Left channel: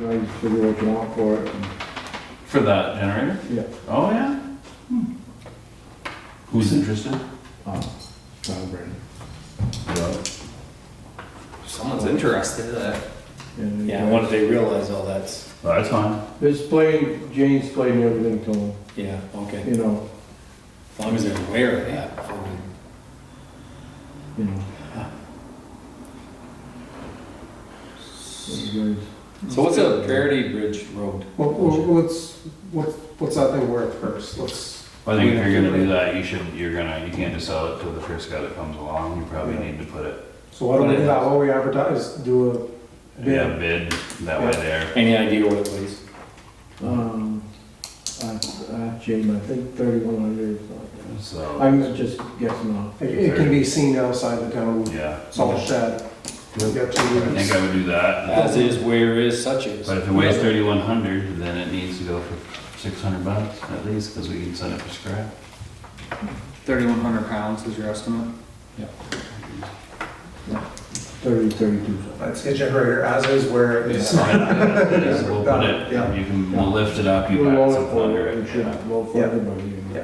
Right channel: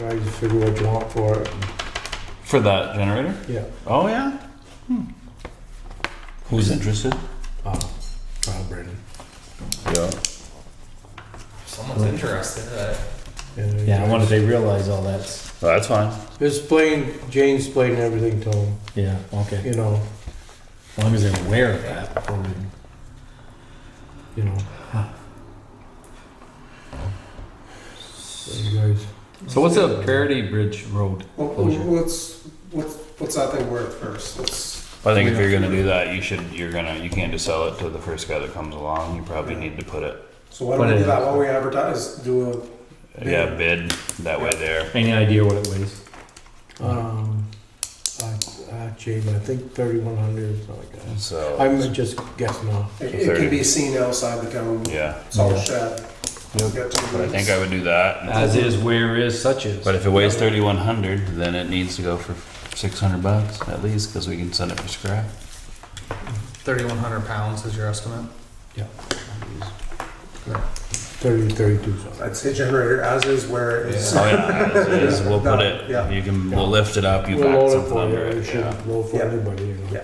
You guys figure what you want for it. For that generator? Yeah. Oh, yeah? Who's interested? Brandon. Yeah. Someone's interested. Yeah, once they realize all that's, That's fine. Jane's explained everything to him, yeah, okay. you know, As long as they're aware of that before we. you know. You guys, So what's a Parity Bridge Road? What's that thing worth first? I think if you're gonna do that, you can't just sell it to the first guy that comes along. You probably need to put it, So why don't we do that while we advertise? Do bid that way there. Any idea what it weighs? Jane, I think 3,100 or something like that. So, I'm just guessing off. it can be seen outside the town yeah. salt shed. You'll get to I think I would do that. As is, where is, such is. But if it weighs 3,100, then it needs to go for $600 at least, because we can send it for scrap. 3,100 pounds is your estimate? 32 something. I'd say generator as is where it is. We'll put it, Yeah. we'll lift it up, you've We'll got load it something for under it, we it. should load for Yeah. everybody, you know. Yeah.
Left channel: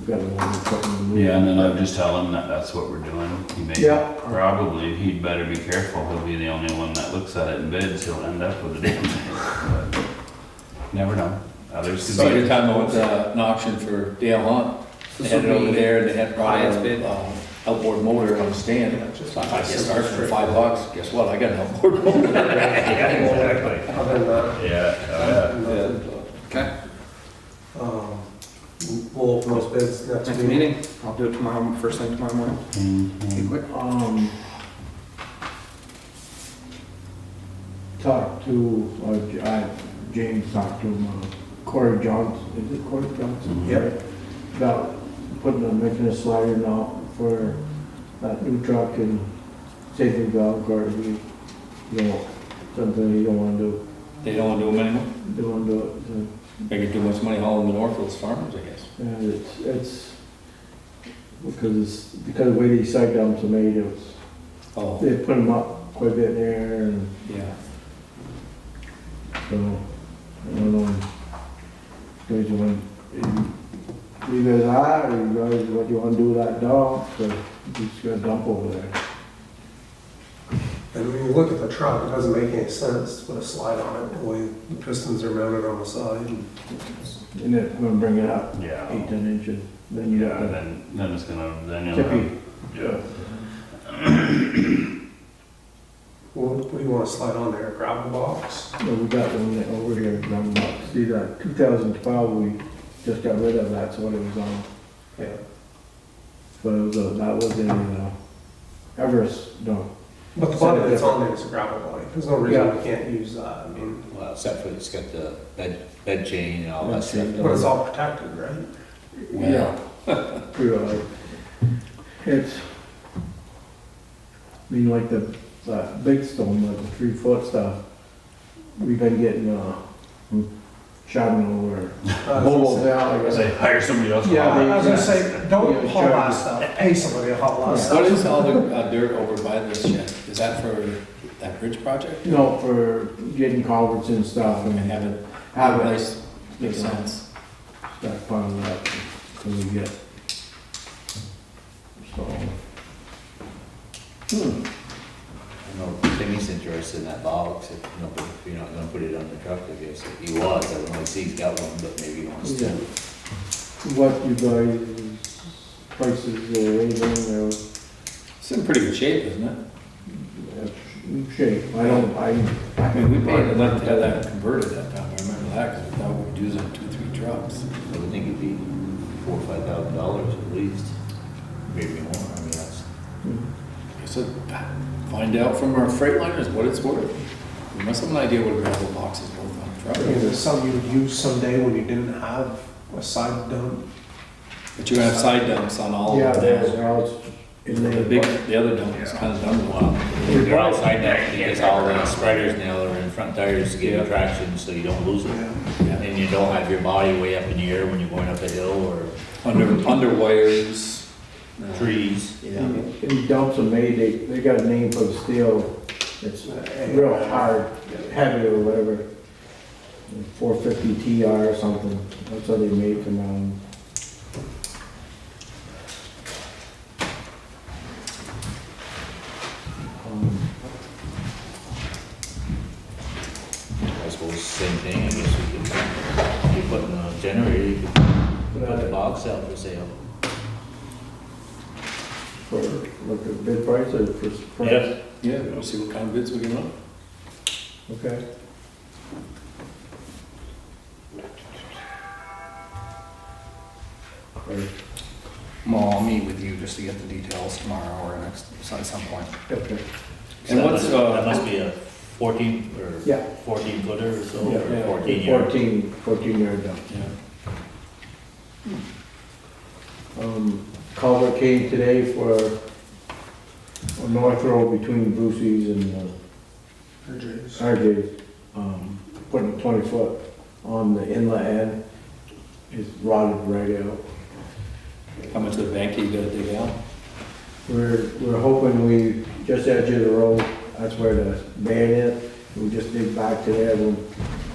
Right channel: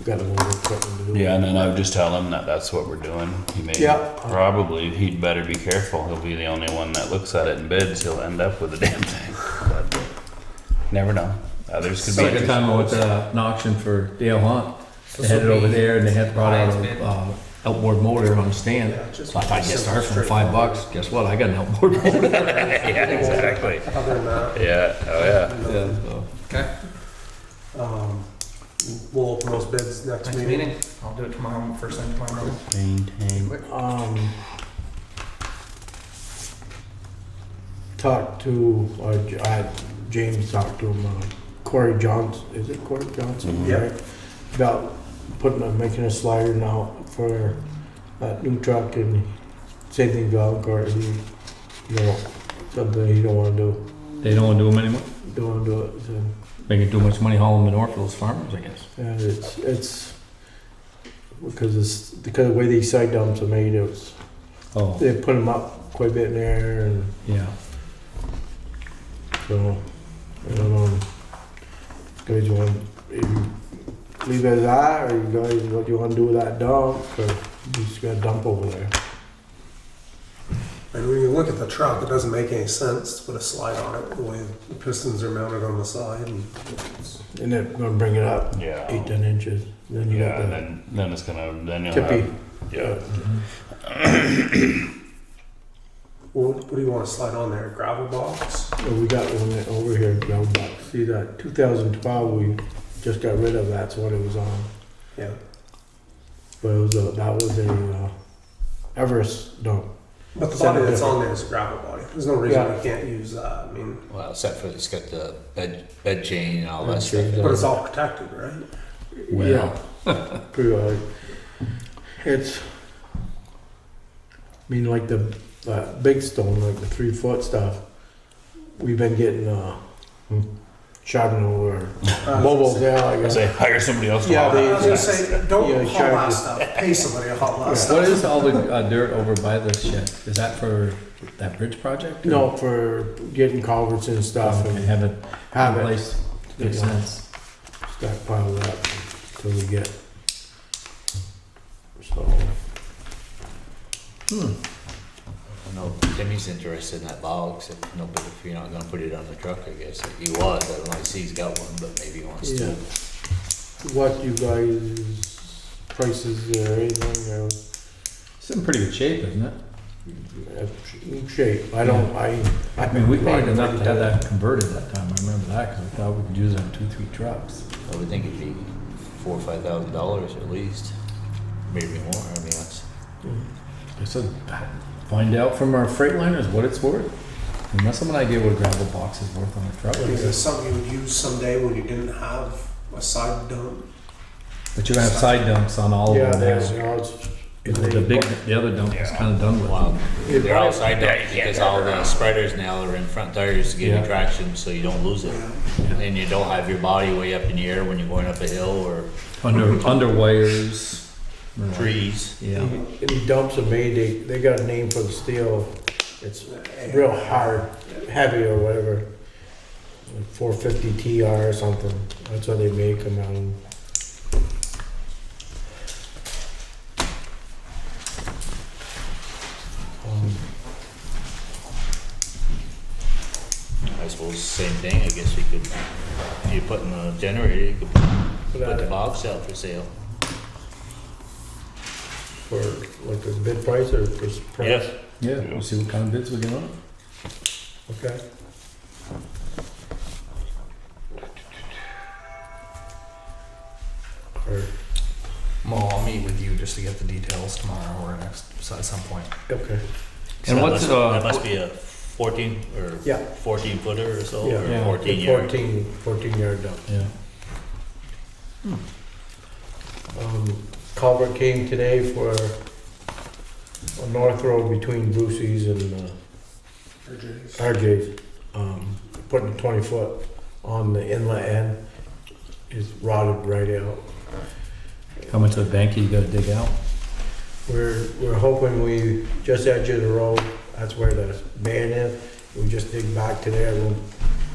We got to load it something. Yeah, and then I would just tell him that that's what we're doing. He may, Yeah. probably, he'd better be careful. He'll be the only one that looks at it and bids. He'll end up with a damn thing. But never know. Others could be. Second time with an auction for Dale Hunt. They had it over there and they had brought in outboard motor on the stand. So I get started for $5. Guess what? I got an outboard motor. Yeah, exactly. Other than that, Yeah, oh yeah. Okay. we'll open those bids next Next meeting. meeting, I'll do it tomorrow, first thing tomorrow morning. Be Maintain. quick. Talked to, James talked to him, Corey Johnson, is it Corey Johnson? Mhm. Yeah. Right? About making a slider now for that new truck and same thing about Corey, something he don't wanna do, They don't want to do them anymore? don't wanna do it, so. Making too much money hauling them north for those farmers, I guess. Yeah, it's, because of the way these side dumps are made, Oh, they put them up quite a bit in there and yeah. so, I don't know. Guys, you want, leave it as that, or you guys, what do you wanna do with that dump, or you just got a dump over there? And when you look at the truck, it doesn't make any sense to put a slide on it, the way the pistons are mounted on the side. And then we're gonna bring it up Yeah. 8-10 inches, then you Yeah, got the then it's gonna, then you'll tippy. have, yeah. What do you want to slide on there? A gravel box? Well, we got one over here, drum box. See that 2012, we just got rid of, that's what it was on. Yeah. But it was that was a Everest dump. But the body that's on there is a gravel body. There's no reason Yeah. we can't use that. I mean, Well, except for it's got the bed chain and all that Bed stuff. chain. but it's all protected, right? Well. Yeah, pretty well. It's, I mean, like the big stone, like the 3-foot stuff, we've been getting shouting over. Mobile, yeah, I guess. Say, hire somebody else. to Yeah, haul it. I was gonna say, don't Yeah, haul sure. that stuff. Pay somebody to haul that Yeah. stuff. What is all the dirt over by the shed? Is that for that bridge project? No, for getting culverts and stuff And and have it, have it. place, makes sense. Stockpile that till we get. So. No, Timmy's interested in that box, if you're not gonna put it on the truck, I guess. If he was, I don't know if he's got one, but maybe he wants Yeah. to. What you guys, prices or anything, or It's in pretty good shape, isn't it? shape, I don't, I mean, we paid enough to have that converted that time, I remember that, because we thought we could use it on 2-3 trucks. I would think it'd be $4,000 or $5,000 at least, maybe more. I mean, that's. I said, find out from our Freightliners what it's worth. We must have an idea what a gravel box is worth on a truck. Is it something you would use someday when you didn't have a side dump? But you have side dumps on all yeah, of there's, those. it's The other dump is kind of done with. Well, they're outside there because all the spreaders now are in front tires to give you Yeah. traction so you don't lose it. Yeah. And you don't have your body way up in the air when you're going up a hill or Under wires. trees. Yeah. These dumps are made, they got a name for the steel, It's real hard, heavy or whatever. 450 TR or something, that's what they make them on. I suppose same thing, I guess you could, if you put in a generator, you could put the box out for sale. For like a bid price or just price? Yes. Yeah, we'll see what kind of bids we get up. Okay. Or- Well, I'll meet with you just to get the details tomorrow or at some point. Okay. So And that what's, that must be a 14 or Yeah. 14 footer or so, Yeah. or Yeah. 14 yard. 14 yard dump. Yeah. Culvert came today for on North Road between Brucey's and RJ's. Putting a 20-foot on the inlet end is rotted right out. How much of the bank you gotta dig out? We're hoping we just edge of the road, that's where the band is. We just dig back to there. We'll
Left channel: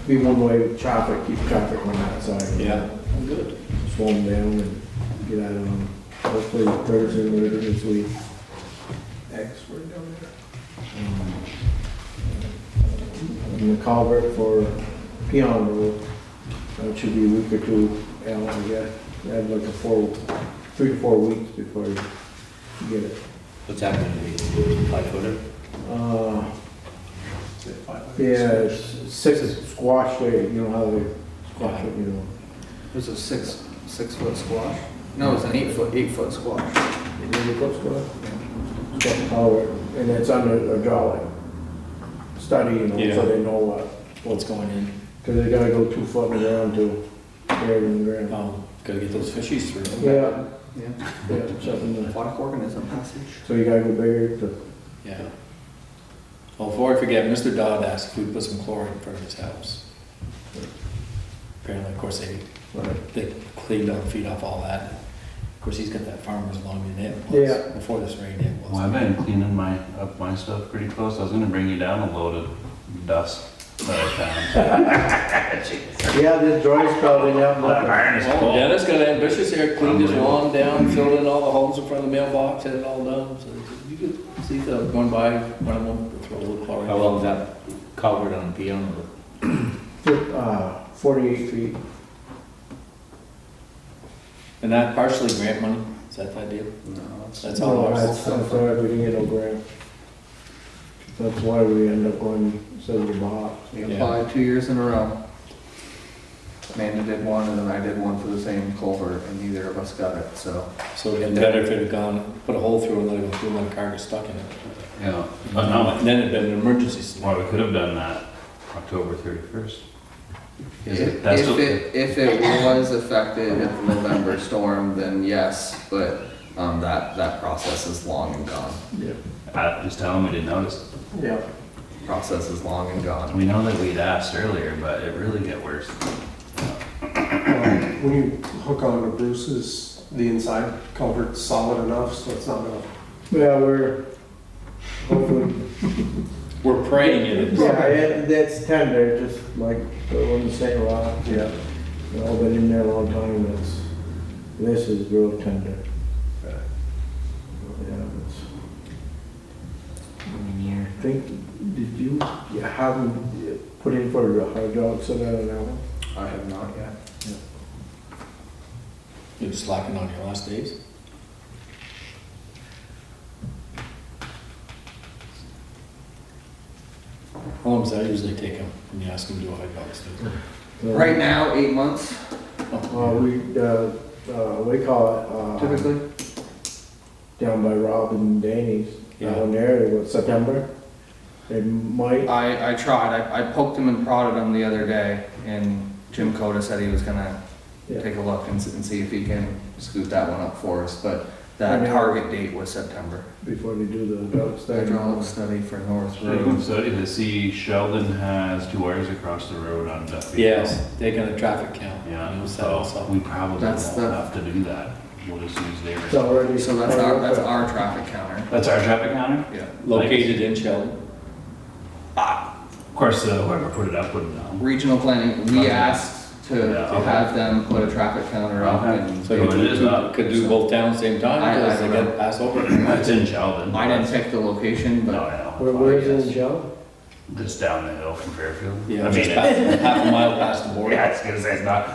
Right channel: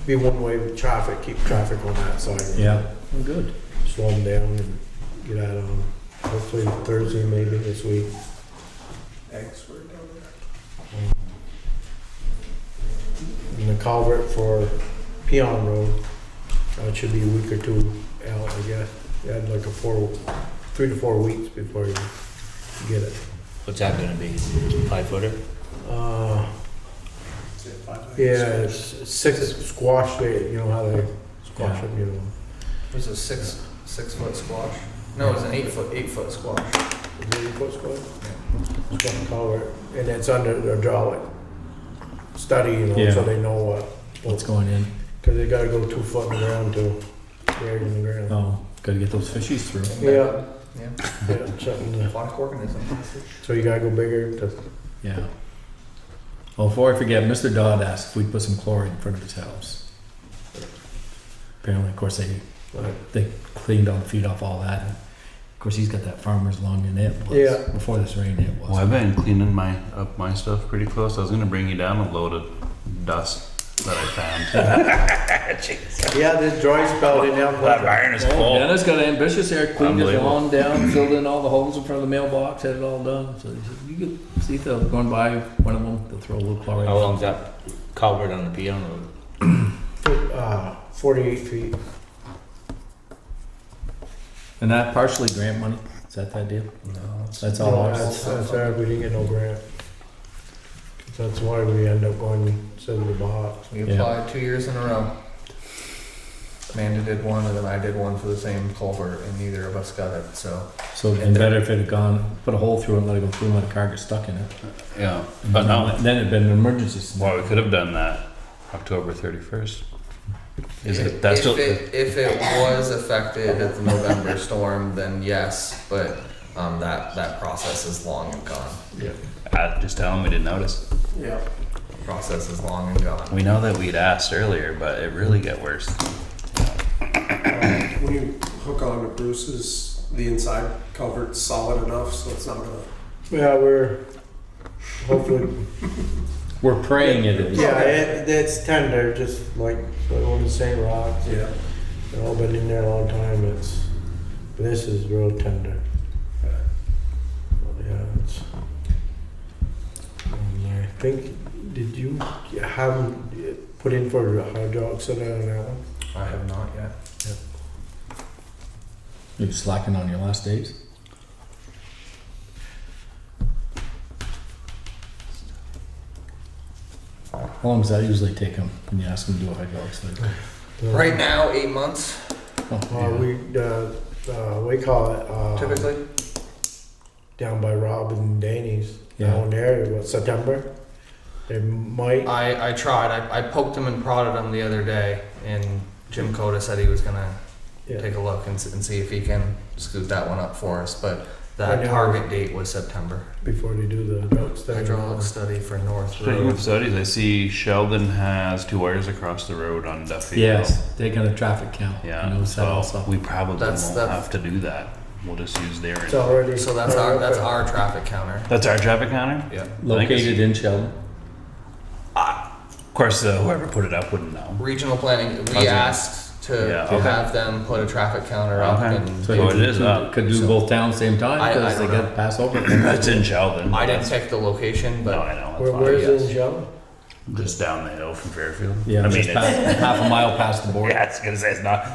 be one way with traffic, keep traffic on that side. Yeah. Good. Slow them down and get out of them. Hopefully Thursday, maybe this week. Eggs were down And the culvert for Peon Road, that should be a week or two out, I guess. We had like 3 to 4 weeks before you get it. What's that gonna be, 5 footer? Uh, there. yeah, it's 6 squash day, you know how they squash it, you know. There's a 6 foot squash? No, it's an 8 foot squash. Remember what's going on? It's got a culvert, and it's under hydraulic study, you know, Yeah. so they know What's going in? cause they gotta go 2 foot in the ground to bury it in the ground. Oh, gotta get those fishies through. Yeah, Yeah. yeah, something to, Aquatic organism. so you gotta go bigger to, Yeah. Oh, before I forget, Mr. Dodd asked if we put some chlorine in front of his house. Apparently, of course, they cleaned up, feed off all that. And of course, he's got that farmer's lung in it. Yeah. Before this rain, it was. Well, I've been cleaning up my stuff pretty close. I was gonna bring you down a load of dust that I found. yeah, this dry spell didn't help That nothing. barn is Oh, full. Dennis got ambitious there, cleaned his Unbelievable. lawn down, filled in all the holes in front of the mailbox, had it all done. So he said, you could see the going by one of them to throw a little chlorine. How long's that culvert on the piano road? 48 feet. And that partially grant money, is that deal? No, That's all No, ours. that's we didn't get no grant. That's why we end up going, instead of the box. We Yeah. applied 2 years in a row. Amanda did one and then I did one for the same culvert and neither of us got it, so. So it'd been better if it had gone, put a hole through it and let it go through and let the car get stuck in it. Yeah, but no. Then it'd been an emergency scenario. Well, we could have done that October 31st. Is it, If that's if what, it was affected at the November storm, then yes, but that process is long and gone. Yeah. just tell them we didn't notice. Yeah. Process is long and gone. We know that we'd asked earlier, but it really got worse. When you hook onto Bruce's, the inside culvert's solid enough, so it's not gonna. Yeah, we're hopefully. We're praying it. Yeah, it's tender, just like on the sand rock. Yeah. You know, I've been in there a long time. This is real tender. Okay. Yeah, it's. And I think, did you have them put in for a hydraulic soda on that one? I have not yet. You're slacking on your last days? How long does that usually take them when you ask them to do a hydraulic study? Right now, 8 months We call it, typically. down by Rob and Danny's, Yeah. down there, what, September? They might, I tried. I poked him and prodded him the other day, and Jim Coda said he was gonna yeah. take a look and see if he can scoot that one up for us. But I that know. target date was September. Before they do the hydraulic study. Hydraulic study for North Pretty good Road. studies. I see Sheldon has 2 wires across the road on Duffield. Yes, they're gonna traffic count. Yeah, I noticed that so also. we probably That's- won't have to do that. We'll just use theirs. It's already. So that's our traffic counter. That's our traffic counter? Yeah. Located in Sheldon. course, whoever put it up wouldn't know. Regional planning, we Okay. asked to Yeah. have them put a traffic counter up Okay. and So So you it is up. could do both towns same time, I because they don't know. gotta pass over. That's in Sheldon. I didn't pick the location, No, but I know. Where is it in Shell? Just down the hill from Fairfield. Yeah, I mean, just half a mile past the border. yeah, it's because it's not.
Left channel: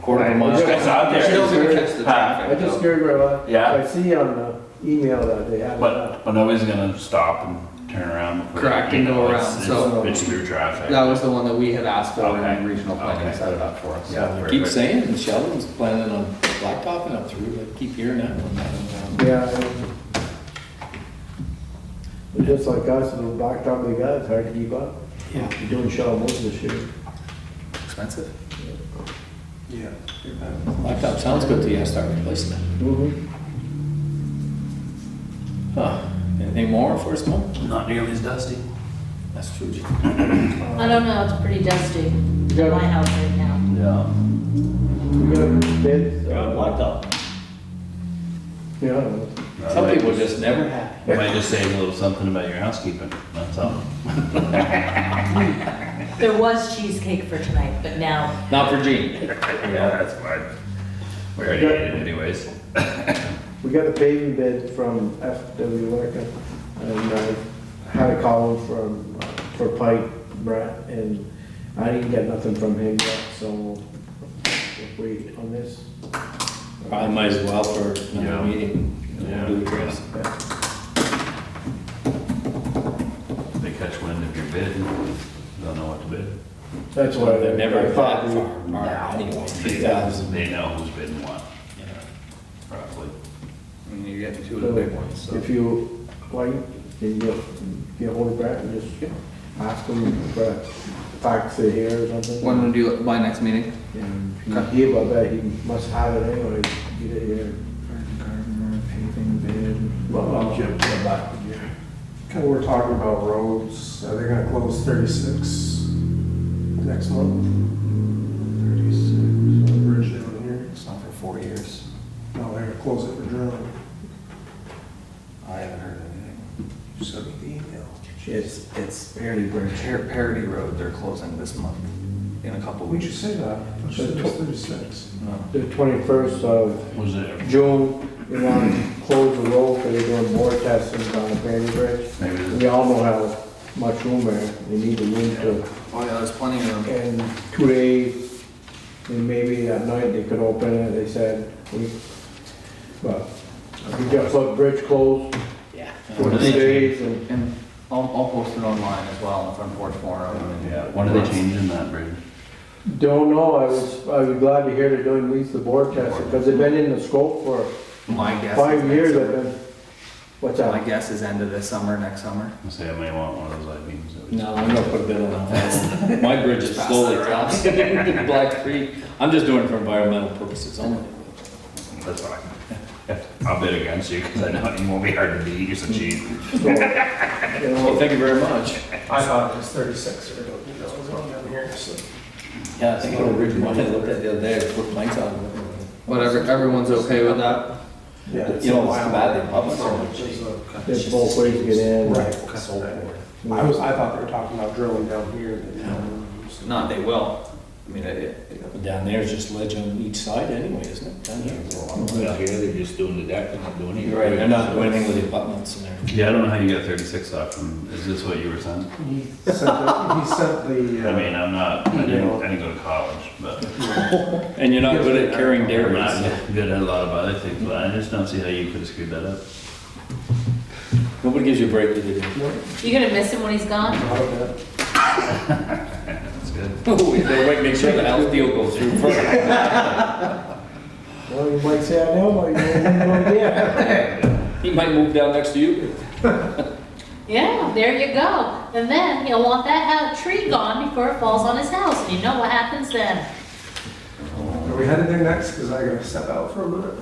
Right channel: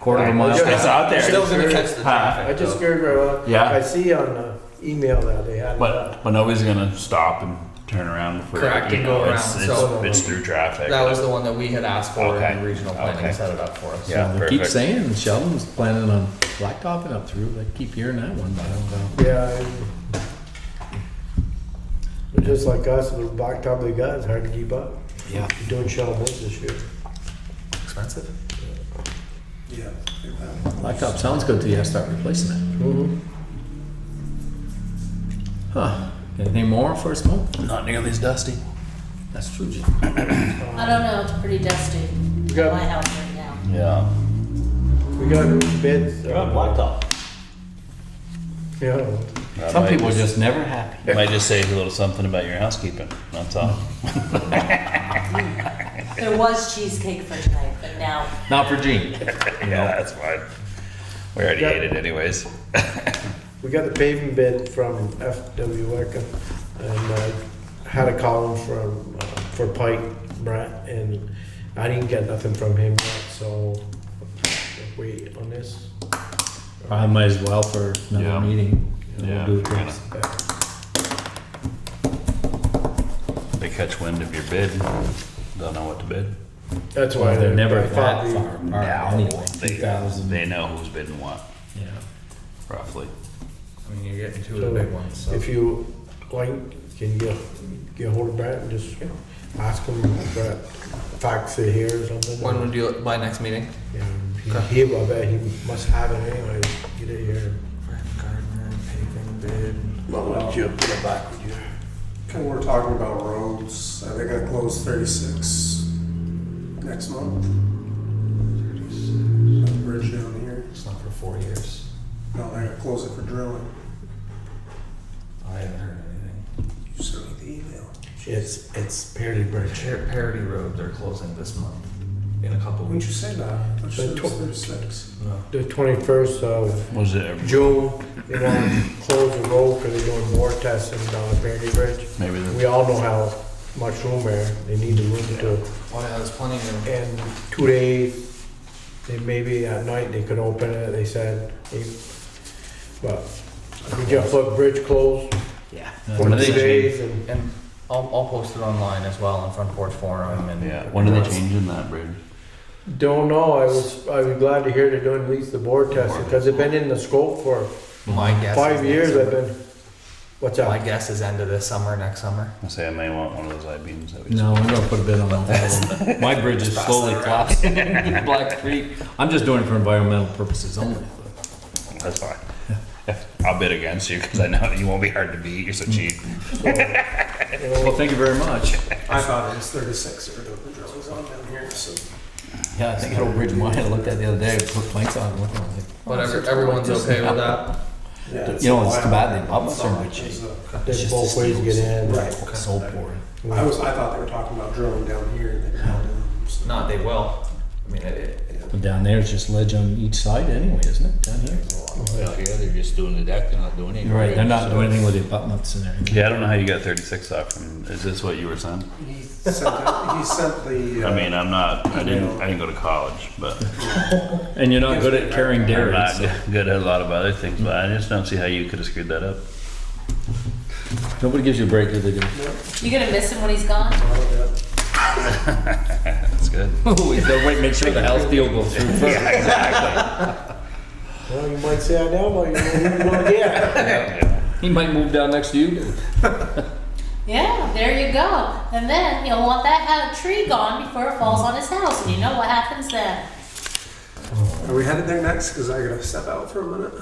Quarter of a mile. It's out they're there. still gonna fix the I traffic. just though. scared right out. Yeah. I see on the email that they had it up. But nobody's gonna stop and turn around before. Correct, you and know, go it's- around, it's- so- It's through traffic. That was the one that we had asked for, Okay. and regional planning Okay. set it up for us. Yeah, They perfect. keep saying Sheldon's planning on blacktopping up through, I keep hearing that one. Yeah. But just like us, the blacktop they got, it's hard to keep up. Yeah. You're doing Shell most this year. Expensive. Yeah. Blacktop sounds good to you, start replacing it. Mm-hmm. Huh, anything more for us, Mo? Not nearly as dusty. That's true, Jim. I don't know, it's pretty dusty in got- my house right now. Yeah. We got bids. They're on blacktop. Yeah. Some people are just never happy. Might just say a little something about your housekeeping, that's all. There was cheesecake for tonight, but now, Not for Gene. Yeah, that's fine. We already ate it anyways. We got the paving bid from FW Electric, and had a call from, for Pike, Brett, and I didn't get nothing from him yet, so we'll wait on this. Probably might as well for Yeah. another meeting. Yeah. We'll do it next. They catch wind of your bid, don't know what to bid. That's why They're never I that thought far now, anyway. They 2000. they know who's bidding what, Yeah. roughly. I mean, you're getting two of the big ones, so. If you like, can you get hold of Brett and just ask him, Brett, fax it here or something? When would you, by next meeting? I bet he must have it anyway, get it here. Gardner, paving bid. Well, I'll jump back with you. Okay, we're talking about roads. They're gonna close 36 next month. 36. The bridge down here. It's not for 4 years. No, they're gonna close it for drilling. I haven't heard anything. You sent me the email. It's Perry Bridge. Parity Road, they're closing this month, in a couple When'd you weeks. say that? I said it was 36. No. The 21st of Was it, June, they want to close the road because they're doing more testing on the Perry Bridge. maybe, We all know how much room there, they need the room to, Oh yeah, there's plenty of them. in 2 days, then maybe at night they could open it, they said. But we just put bridge closed Yeah. for What do 2 they days and And I'll post it online as well on Front Porch Forum and. yeah, when are they changing that bridge? don't know, I was glad to hear they're doing at least the bore testing, because they've been in the scope for My guess. 5 is years, next I've summer. been, what's My up? guess is end of this summer, next summer. I say I may want one of those light beams. that we No, I'm gonna put a bid on that. My bridge is Pass slowly that around. collapsing in Black Creek. I'm just doing it for environmental purposes only. That's fine. I'll bid against you, because I know you won't be hard to beat, you're so cheap. You Well, know, thank you very much. I thought it was 36 that were doing the drills on down here, so. Yeah, I think it'll bridge, I had looked at it the other day, put Mike's on. But everyone's okay with that? Yeah. You know, it's too bad they up so much. there's both ways to get in. Right. So poor. I thought they were talking about drilling down here. Not, they will. I mean, Down there is just ledge on each side anyway, isn't it? Down there. Yeah, they're just doing the deck, they're not doing anything. You're right, they're not doing anything with the abutments and everything. Yeah, I don't know how you got 36 off from, is this what you were saying? He sent the. I mean, I didn't go to college, but And you're not good at carrying I'm not dairies. good at a lot of other things, but I just don't see how you could have screwed that up. Nobody gives you a break, do they? You gonna miss him when he's gone? That's good. They'll make sure the house deal goes through first. Well, you might say I know, but you don't know yet. He might move down next to you. Yeah, there you go. And then he'll want that tree gone before it falls on his house, and you know what happens then. Are we headed there next? Because I gotta step out for a minute.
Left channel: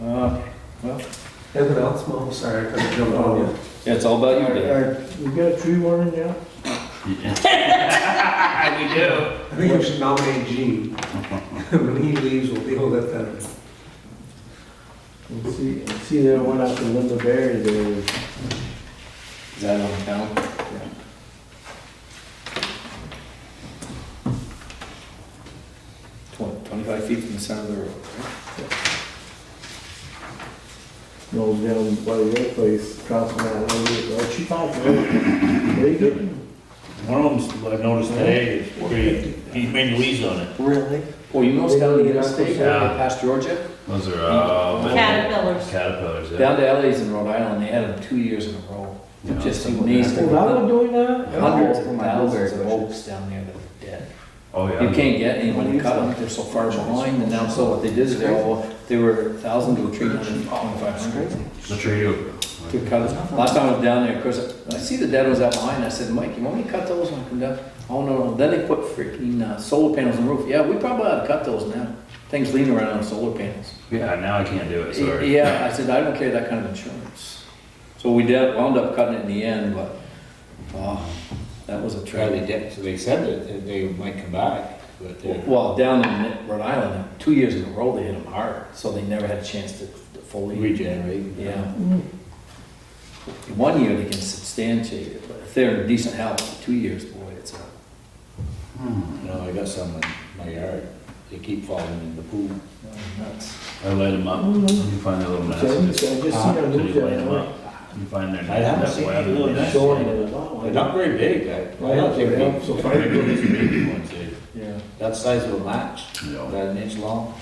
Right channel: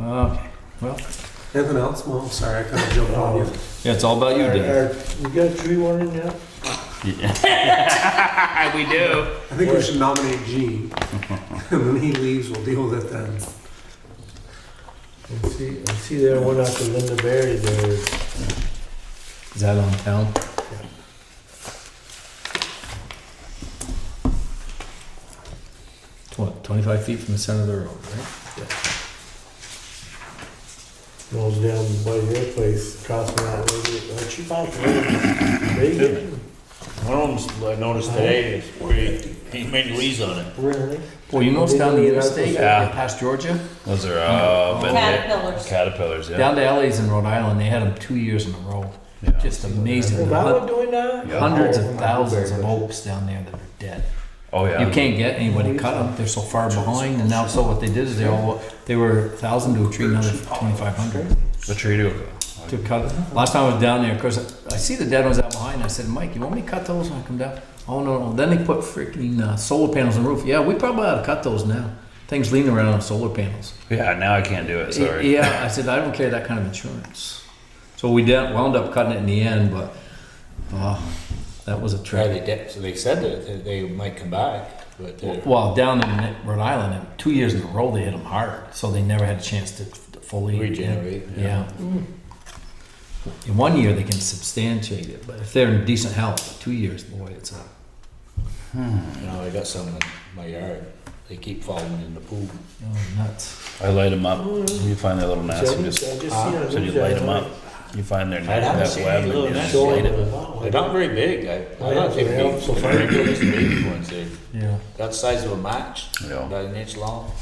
Okay, well, Anything else? Well, I'm sorry, I kind of jumped on you. yeah, it's all about you, Dave. We got a tree warning now? We do. I think we should nominate Gene. When he leaves, we'll deal with it then. You see there one after Linda Berry, Is that on town? 25 feet from the center of the road, right? Those down by the other place, crossing that one, well, she fine, very good. One of them, I noticed today, is he made a lease on it. Really? Well, you notice down the interstate, Yeah. past Georgia, Those are, Caterpillars. Caterpillars, yeah. down to LA's in Rhode Island, they had them 2 years in a row. Yeah. Just Is amazing. that one doing that? Yeah. Hundreds of Oh, thousands of very good. oaks down there that are dead. Oh, yeah. You can't get anybody to cut them, they're so far behind, and now, so what they did is they were 1,000 to a tree, now they're 2,500. The tree to, To cut it. Last time I was down there, of course, I see the dead ones out behind, I said, Mike, you want me to cut those when I come down? Oh, no, then they put freaking solar panels on the roof. Yeah, we probably ought to cut those now. Things lean around on solar panels. yeah, now I can't do it, sorry. Yeah, I said, I don't carry that kind of insurance. So we wound up cutting it in the end, but, wow, that was a Try they tragedy. did, so they said that they might come back, but Well, down in Rhode Island, 2 years in a row, they hit them hard, so they never had a chance to fully. regenerate. Yeah. In 1 year, they can substantiate it, but if they're in decent health, 2 years, boy, it's a. You know, I got some in my yard, they keep falling in the pool. Nuts. I light them up, you find their little So I nastiness. just seen her So you lose light that. them up, you find their, I haven't that seen web any and you little just Showing light her, it. wow. They're not very big, I don't think Yeah, they, so so far. just baby ones, they, Yeah. that the size of a match, Yeah. about an inch long.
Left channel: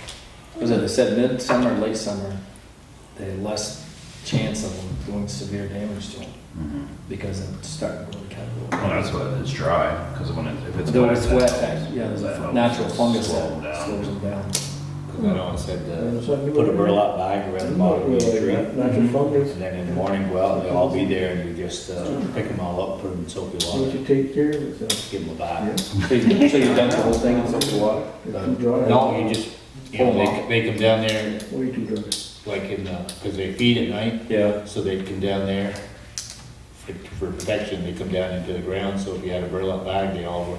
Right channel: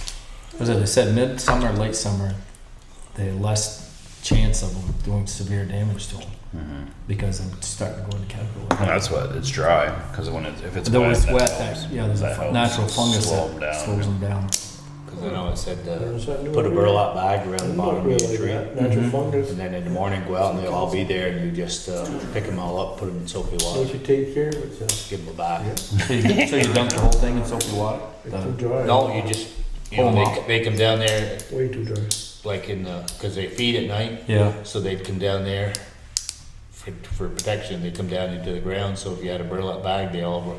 Because they said midsummer and late summer, they had less chance of them doing severe damage to them Mhm. because it's starting to go to capital. That's why it's dry, because if it's Though wet, it's that wet, helps. yeah, there's That a helps natural fungus slow that them down. slows them down. Cause I know it said, There's something new put a in burlap bag around the bottom of the tree. Natural fungus. And then in the morning, go out and they'll all be there and you just pick them all up, put them in soapy You water, should take care of it, so. give them a bath. So you've done the whole thing in soapy water? It's too dry. No, you just, you know, they come down there Way too dry. like in the, cause they feed at night, Yeah. so they'd come down there for protection, they come down into the ground, so if you had a burlap bag, they all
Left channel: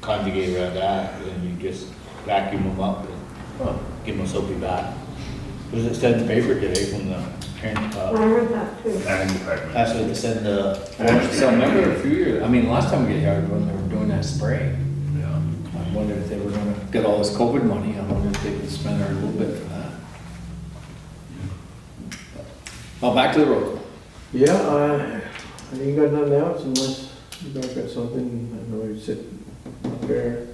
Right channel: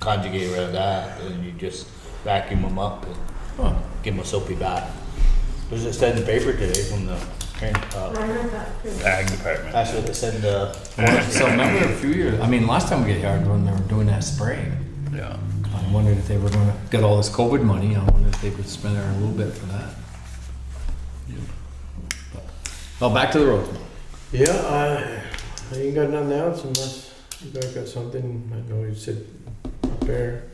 conjugate around that, and then you just vacuum them up and Huh. give them a soapy bath. There's a said in the paper today from the, Ag department. that's what they said, So I remember a few years, I mean, last time we got yard when they were doing that spraying, Yeah. I wondered if they were gonna get all this COVID money, I wondered if they would spend a little bit for that. Well, back to the road. Yeah, I ain't got nothing else unless you guys got something, I know you said up there.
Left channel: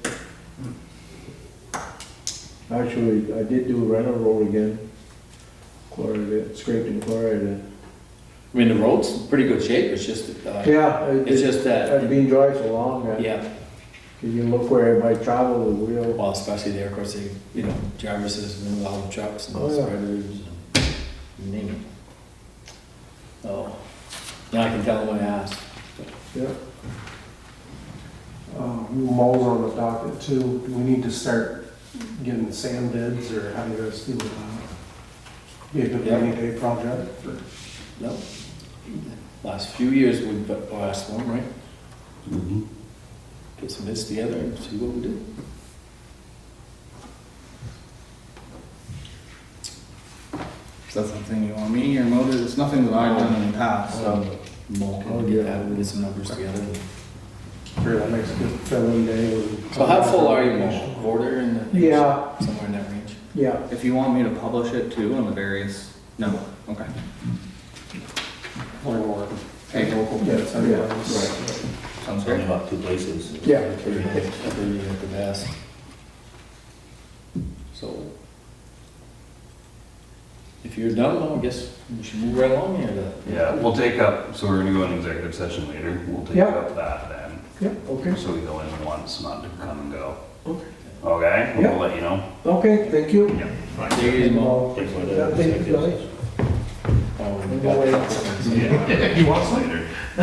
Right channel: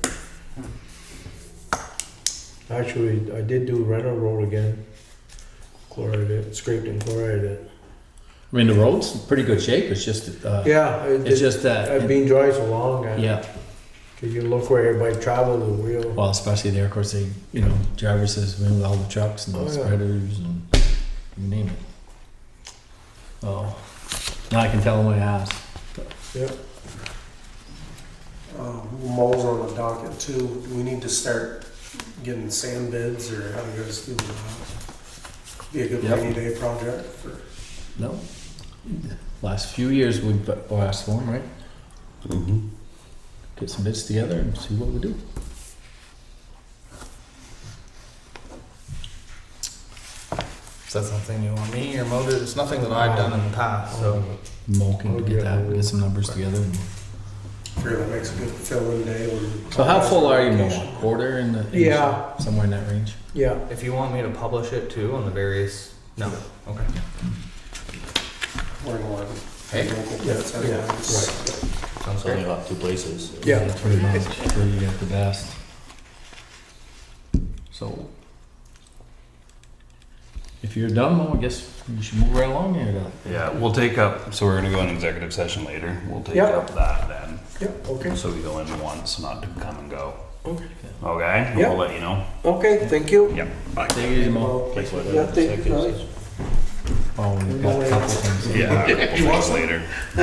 Actually, I did do Renner Road again. Chloride it, scraped and chloride it. I mean, the road's in pretty good shape, it's just, Yeah, it's just that. I've been dry so long, Yeah, if you look where everybody traveled, the wheel. well, especially there, of course, they, you know, drivers says, remove all the trucks and the Oh, yeah. spreaders and you name it. Oh, now I can tell them I asked. Yeah. Moles on the docket too, do we need to start getting sand bids, or how do you guys feel about that? Be a good Yep. rainy day project for. No? Last few years, we've asked one, right? Get some bids together and see what we do. Is that something you want me or Mo to? It's nothing that I've done in the past, so. Mo can get that, get some numbers together. Sure, that makes a good fill-in day. So how full are you, Mo? Quarter in the? Yeah. Somewhere in that range? Yeah, If you want me to publish it too on the various, no, okay. Or Hey. Yes, yeah, Sounds like about 2 places. Yeah. Pretty much, pretty at the best. So, if you're done, Mo, I guess we should move right along here. Yeah, we'll take up, so we're gonna go in executive session later, we'll take Yeah. up that then. yeah, okay, So we go in once, not to come and go. Okay. Okay, Yeah. we'll let you know. okay, thank you. Yeah. Bye. Take it easy, Mo. Place where Yeah, the thank you, executive guys. session. Oh, we've got a couple things. Yeah, You want some? later. Do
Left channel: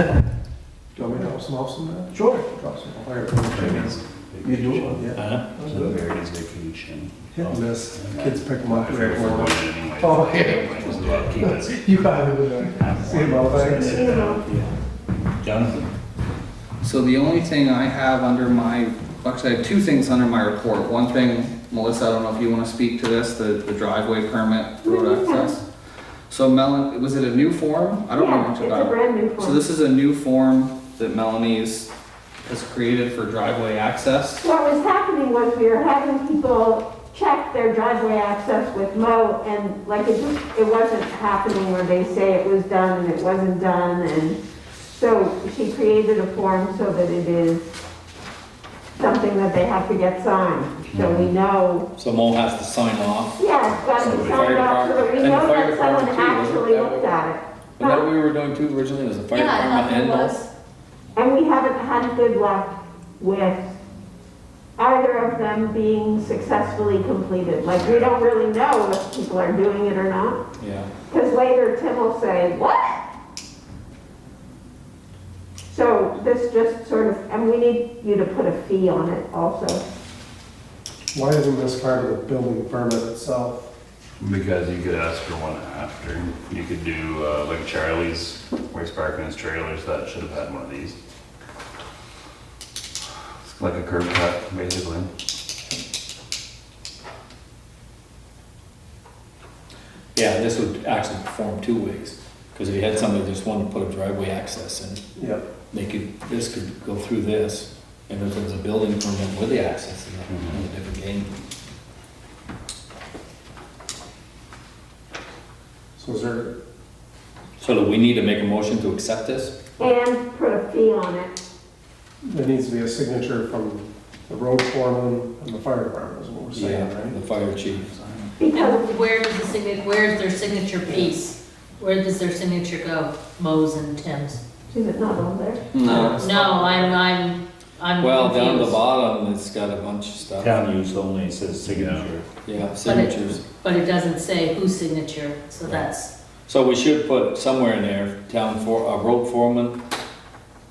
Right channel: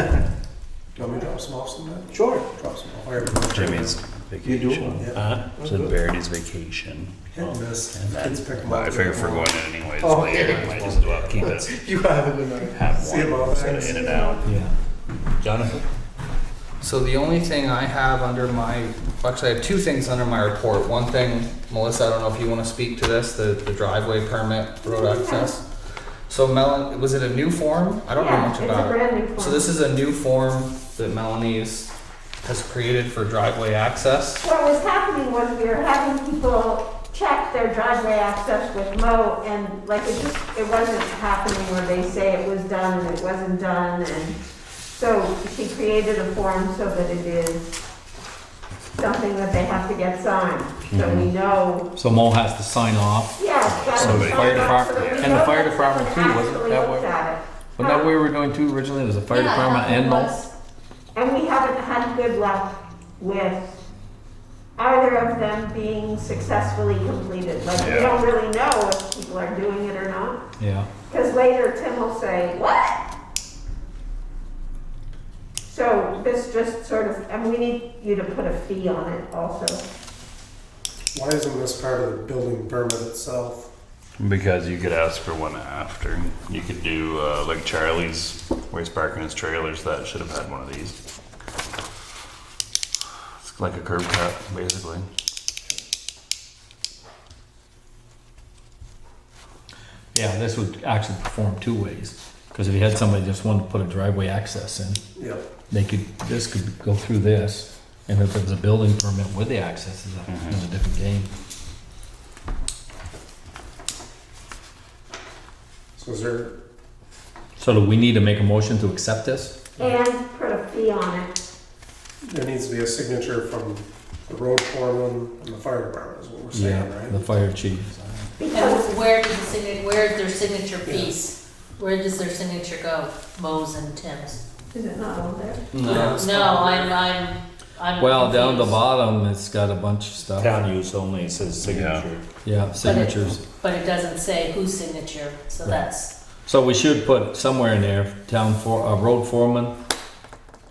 you want me to drop some off sometime? Sure. Drop some off. Jimmy's You do? vacation. Yeah. So Verity's vacation. Hit and miss. And then Kids pick them I up. figure if we're going in anyways Oh, later, might as well keep it. You have a good one. Have See you, one, Mo. so Thanks. get it out. Jonathan? So the only thing I have under my, actually I have 2 things under my report. One thing, Melissa, I don't know if you want to speak to this, the driveway permit, road access. So was it a new form? I don't know much Yeah, about it's a it. brand new form. So this is a new form that Melanie's has created for driveway access. What was happening was we were having people check their driveway access with Mo, and like it wasn't happening where they say it was done and it wasn't done, and so she created a form so that it is something that they have to get signed, so we know. So Mo has to sign off. Yeah, it's got to be Somebody- signed off so that we And the know fire that department someone too, wasn't actually that looked what- at it. Wasn't that where we were going to originally? It was the fire Yeah, I department thought and it Mo? was. And we haven't had good luck with either of them being successfully completed. Like, we Yeah. don't really know if people are doing it or not. Yeah. Because later Tim will say, what? So this just sort of, and we need you to put a fee on it also. Why isn't this part of the building permit itself? Because you could ask for one after. You could do, like Charlie's, where he's parking his trailers, that should have had one of these. It's like a curb cut, basically. Yeah, this would actually perform two ways. Because if you had somebody just wanted to put a driveway access in, Yeah. this could go through this. And if it was a building permit with the access, it's a different game. So is there, So do we need to make a motion to accept this? And put a fee on it. there needs to be a signature from the road foreman and the fire department is what we're saying, The right? fire chief. Because Where's their signature piece? Where does their signature go? Mo's and Tim's? is it not on there? No. No, I'm Well, down the confused. bottom, it's got a bunch of stuff. Town use only, it says signature. Yeah, signatures. But it doesn't say whose signature, so that's, So we should put somewhere in there, road foreman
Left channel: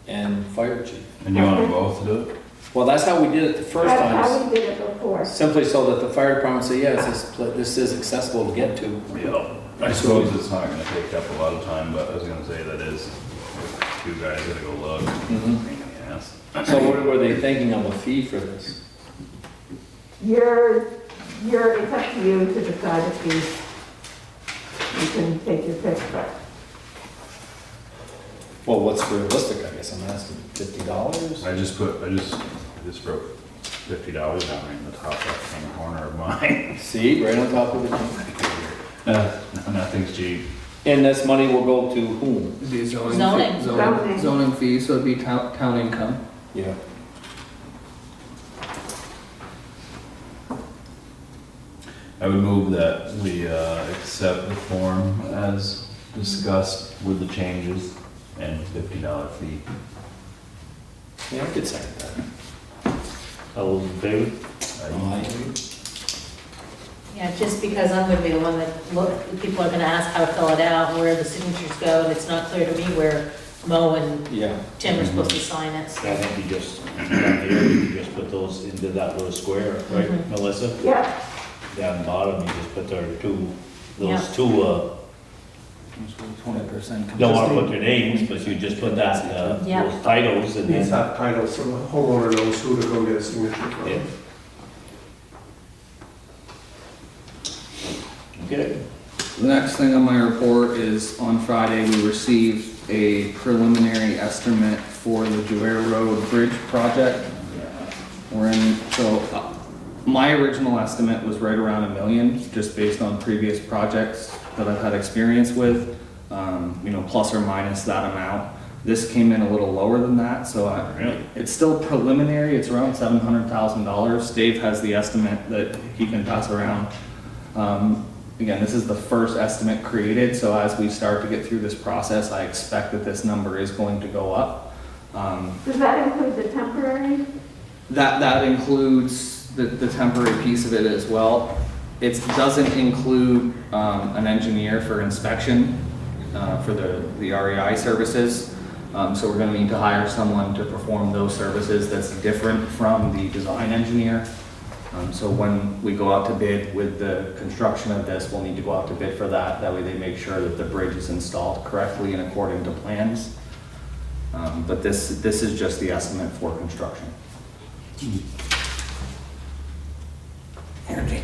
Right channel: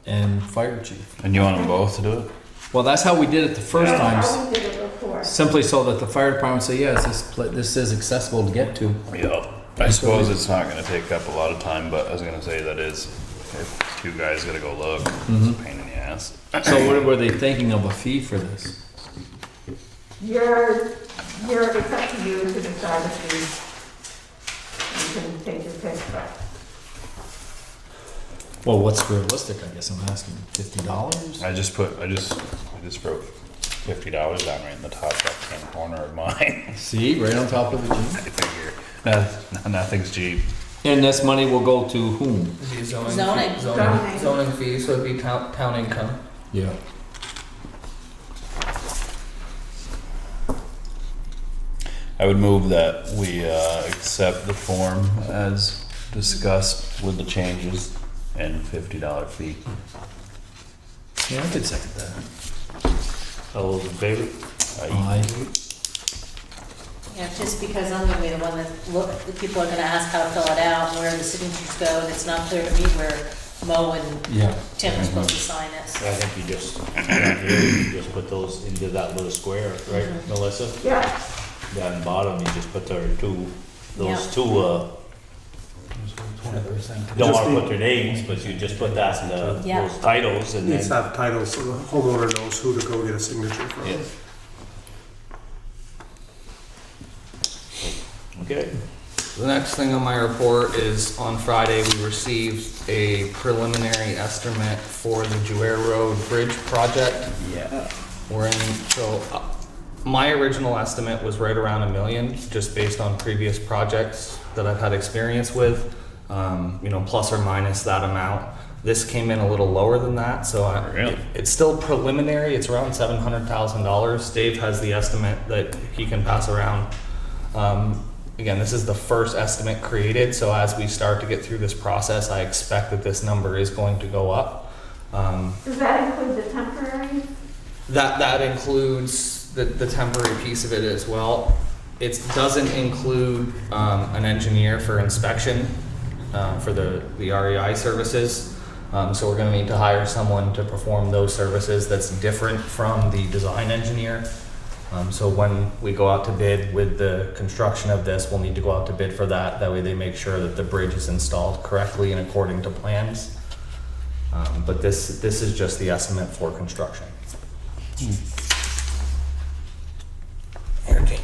and fire chief. And you want them both to do it? Well, that's how we did it the first That's time. how we did it before. Simply so that the fire department say, yes, this is accessible to get to. Yeah. I suppose it's not gonna take up a lot of time, but I was gonna say that is, if two guys gotta go look, it's a pain in the ass. So what were they thinking of a fee for this? It's up to you to decide if you can take your pick, but Well, what's realistic, I guess I'm asking, $50? I just wrote $50 down right in the top left-hand corner of mine. See, right on top of it. I figure, nothing's cheap. And this money will go to whom? It'd be Zoning. Zoning fee, so it'd be town income. Yeah. I would move that we accept the form as discussed with the changes and $50 fee. Yeah, I could second that. All those in favor? Aye. yeah, just because I'm gonna be the one that people are gonna ask how to fill it out, where the signatures go, and it's not clear to me where Mo and Yeah. Tim are supposed to sign it. I think you just put those into that little square, right, Mhm. Melissa? yeah, Down the bottom, you just put those Yeah. two, 20%. don't wanna put their names, but you just put that, Yeah. those titles and Needs to then. have titles so the homeowner knows who to go get a signature from. Yeah. Okay. The next thing on my report is on Friday, we received a preliminary estimate for the Jouer Road Bridge project. Yeah. My original estimate was right around $1 million, just based on previous projects that I've had experience with, plus or minus that amount. This came in a little lower than that, so Really? it's still preliminary, it's around $700,000. Dave has the estimate that he can pass around. Again, this is the first estimate created, so as we start to get through this process, I expect that this number is going to go up. does that include the temporary? That includes the temporary piece of it as well. It doesn't include an engineer for inspection for the REI services. So we're gonna need to hire someone to perform those services that's different from the design engineer. So when we go out to bid with the construction of this, we'll need to go out to bid for that. That way they make sure that the bridge is installed correctly and according to plans. But this is just the estimate for construction. Energy.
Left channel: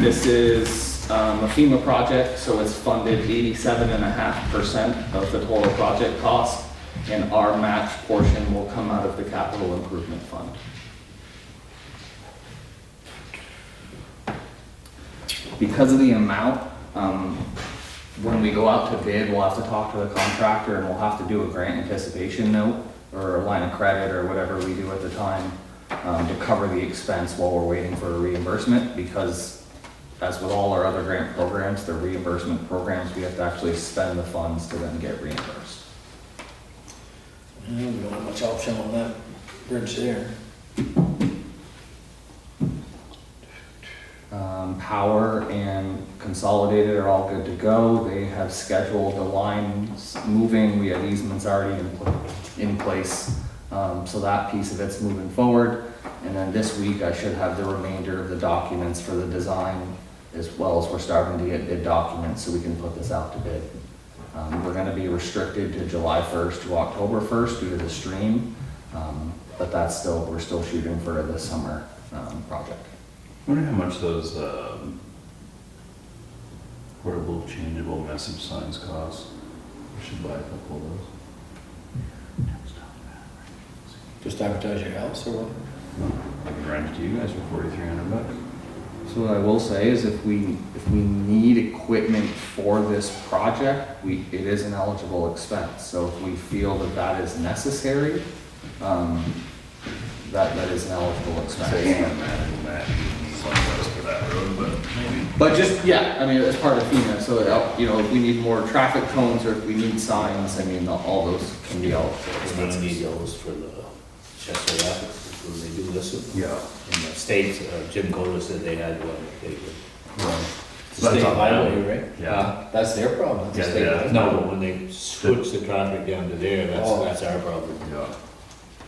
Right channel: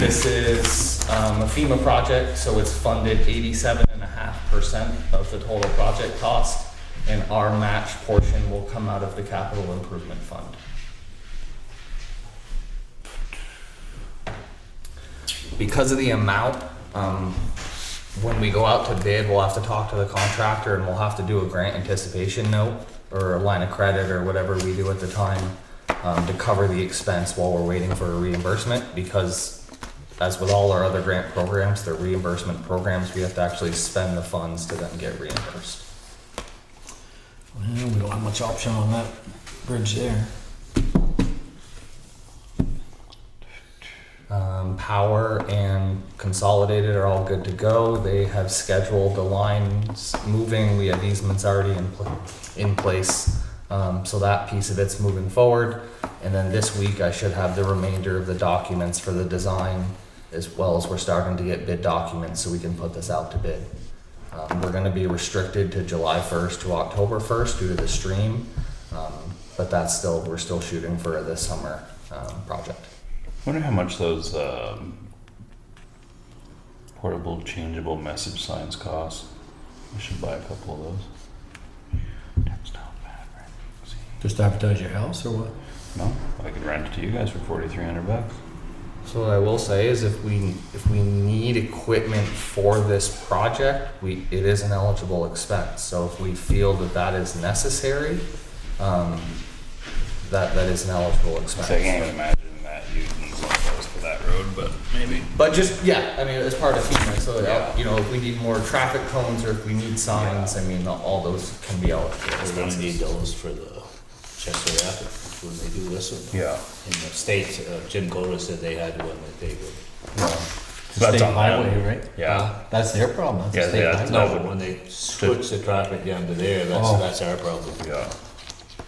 This is a FEMA project, so it's funded 87.5% of the total project cost, and our match portion will come out of the capital improvement fund. Because of the amount, when we go out to bid, we'll have to talk to the contractor and we'll have to do a grant anticipation note or a line of credit or whatever we do at the time to cover the expense while we're waiting for a reimbursement, because as with all our other grant programs, they're reimbursement programs, we have to actually spend the funds to then get reimbursed. Well, we don't have much option on that bridge there. Power and Consolidated are all good to go. They have scheduled the lines moving. We have easements already in place. So that piece of it's moving forward. And then this week I should have the remainder of the documents for the design, as well as we're starting to get bid documents so we can put this out to bid. We're gonna be restricted to July 1st to October 1st due to the stream. But we're still shooting for this summer project. I wonder how much those portable changeable message signs cost. We should buy a couple of those. That's not bad, right? Just advertise your house or what? No, I can rent it to you guys for $4,300. So what I will say is if we need equipment for this project, it is an eligible expense. So if we feel that is necessary, that is an eligible expense. So I can't imagine that you need one of those for that road, but maybe. But just, yeah, I mean, it's part of FEMA, so that, you know, if we need more traffic cones or if we need signs, I mean, all those can be eligible We're gonna expenses. need those for the Chester Rapids, when they do this. Yeah. In the States, Jim Coder said they had one that they would. That's State on highway, highway. right? Yeah. That's their problem. That's a Yeah, state yeah. highway. No, but when they switch the traffic down to there, Oh. that's our problem. Yeah.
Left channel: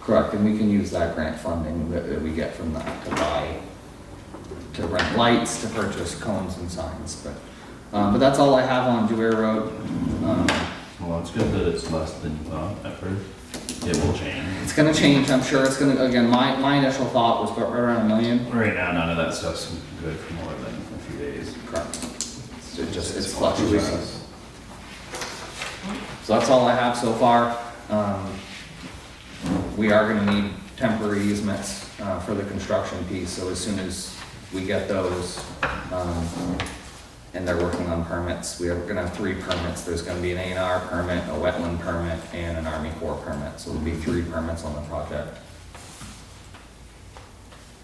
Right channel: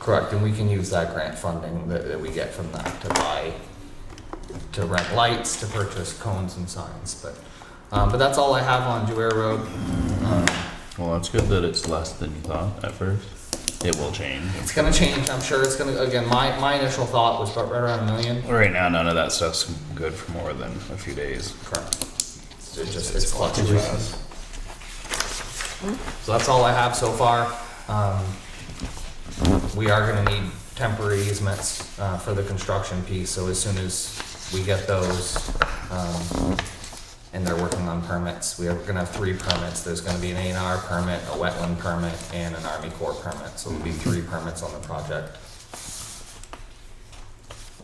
Correct, and we can use that grant funding that we get from that to rent lights, to purchase cones and signs, but that's all I have on Jouer Road. Well, it's good that it's less than you thought at first. It will change. It's gonna change, I'm sure it's gonna, again, my initial thought was right around $1 million. Right now, none of that stuff's good for more than a few days. Correct. It's fluctuations. So that's all I have so far. We are gonna need temporary easements for the construction piece, so as soon as we get those, and they're working on permits, we are gonna have 3 permits. There's gonna be an A&R permit, a wetland permit, and an Army Corps permit, so there'll be 3 permits on the project.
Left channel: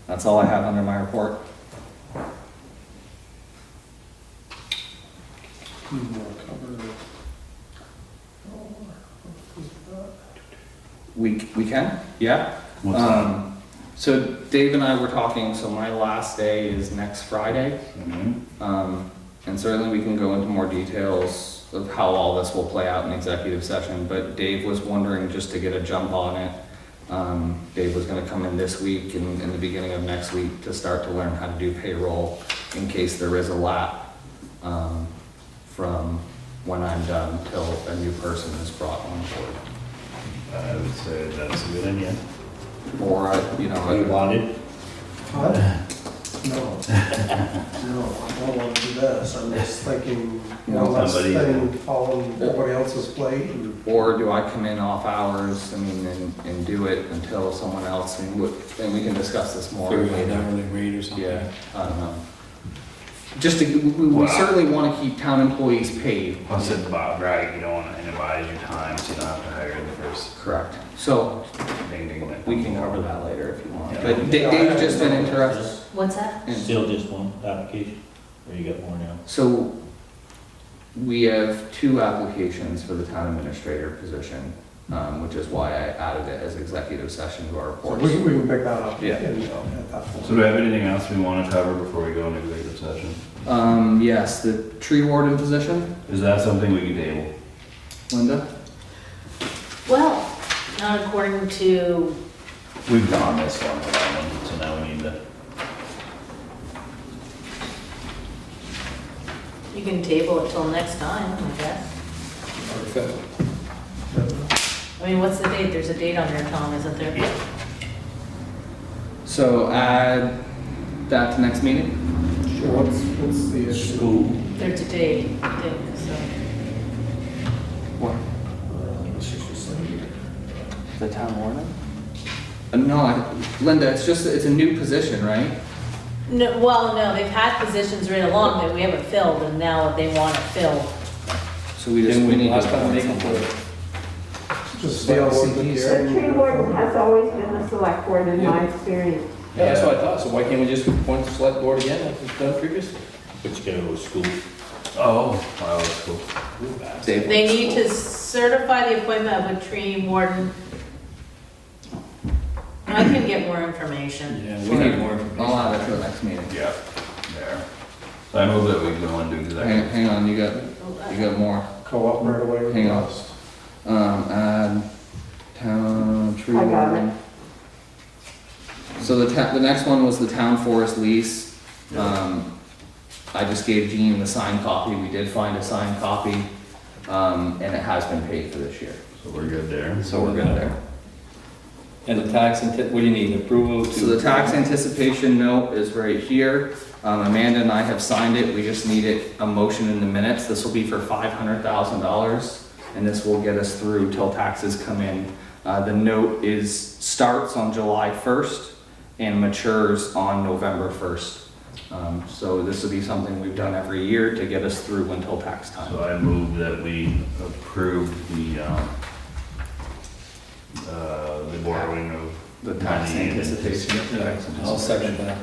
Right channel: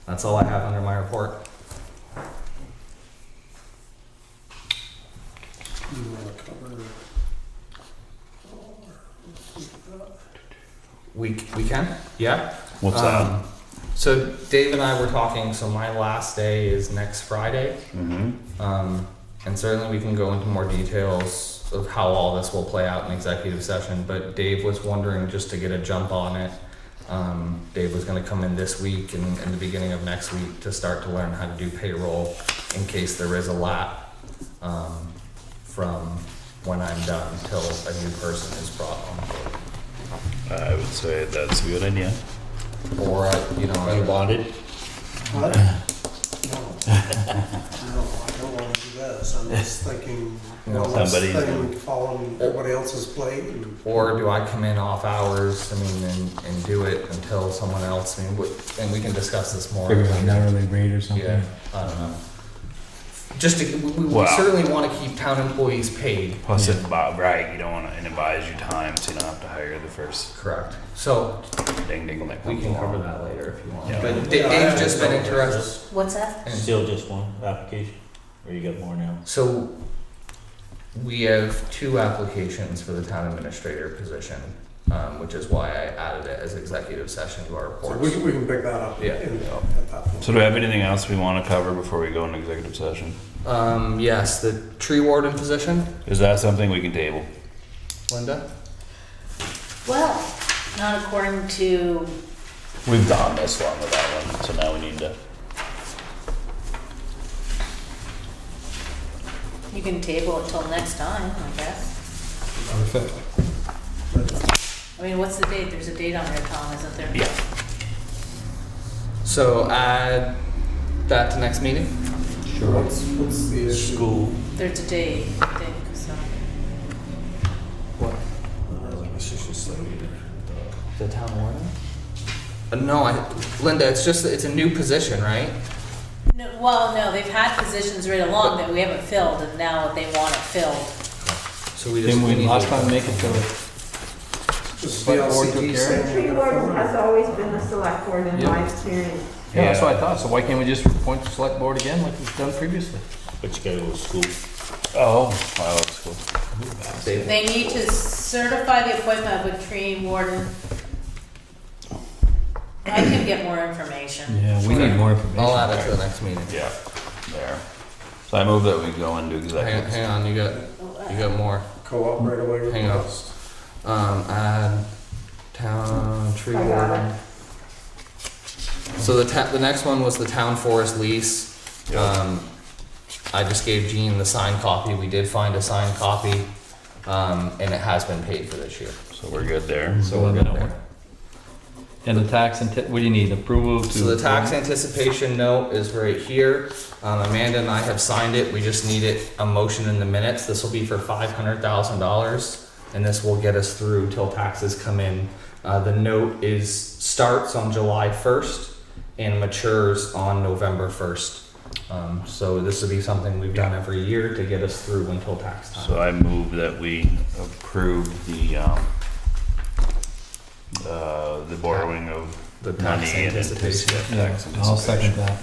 That's all I have under my report. You wanna cover We can, yeah. What's that? So Dave and I were talking, so my last day is next Friday. Mm-hmm. And certainly we can go into more details of how all this will play out in executive session, but Dave was wondering, just to get a jump on it, Dave was gonna come in this week and in the beginning of next week to start to learn how to do payroll in case there is a lap, from when I'm done till a new person is brought on board. I would say that's a good idea. Or, you know, You want it? What? No. No, I don't wanna do this, I'm just thinking, one less Somebody- thing following everybody else's plate and. or do I come in off hours, I mean, and do it until someone else, I mean, and we can discuss this more. Figure an hourly rate or something. Yeah, I don't know. Just to, we Wow. certainly wanna keep town employees paid. Plus, it's about right. You don't want to advise your time, so you don't have to hire the first Correct. So, ding ding ding. we can cover that later if you want. Yeah. But Dave's just been interested. What's that? in- Still just one application, or you got more now? So, we have 2 applications for the town administrator position, which is why I added it as executive session to our So reports. we can pick that up. Yeah. At that point. So, do we have anything else we want to cover before we go into executive session? Yes, the tree warden position, Is that something we can table? Linda? Well, not according to, We've done this on the one, so now we need to. you can table it till next time, I guess. Perfect. I mean, what's the date? There's a date on there, Tom, isn't there? Yeah. So add that to next meeting? What's the issue? School. They're today, so. The town warden? No, Linda, it's a new position, right? No, well, no, they've had positions right along that we haven't filled, and now they want it filled. So we just, Then we we need last to. time make it for, Just Select board VLCT took care The saying. tree warden has always been the select board in my experience. yeah, that's what I thought, so why can't we just appoint the select board again like we've done previously? But you gotta go to school. Oh, cool. They need to certify the appointment of a tree warden. I can get more information. Yeah, we need more information. I'll add it to the next meeting. Yeah, there. So I move that we go into executive. Hang on, you got more. Co-op right away Hang on. request. Add town tree I got warden. So the next one was the town forest lease. I just gave Jean the signed copy. We did find a signed copy, and it has been paid for this year. So we're good there. So we're good there. And the tax, what do you need, approval to? So the tax anticipation note is right here. Amanda and I have signed it. We just needed a motion in the minutes. This will be for $500,000, and this will get us through till taxes come in. The note starts on July 1st and matures on November 1st. So this will be something we've done every year to get us through until tax time. So I move that we approve the borrowing of The tax money and anticipation. I'll second that.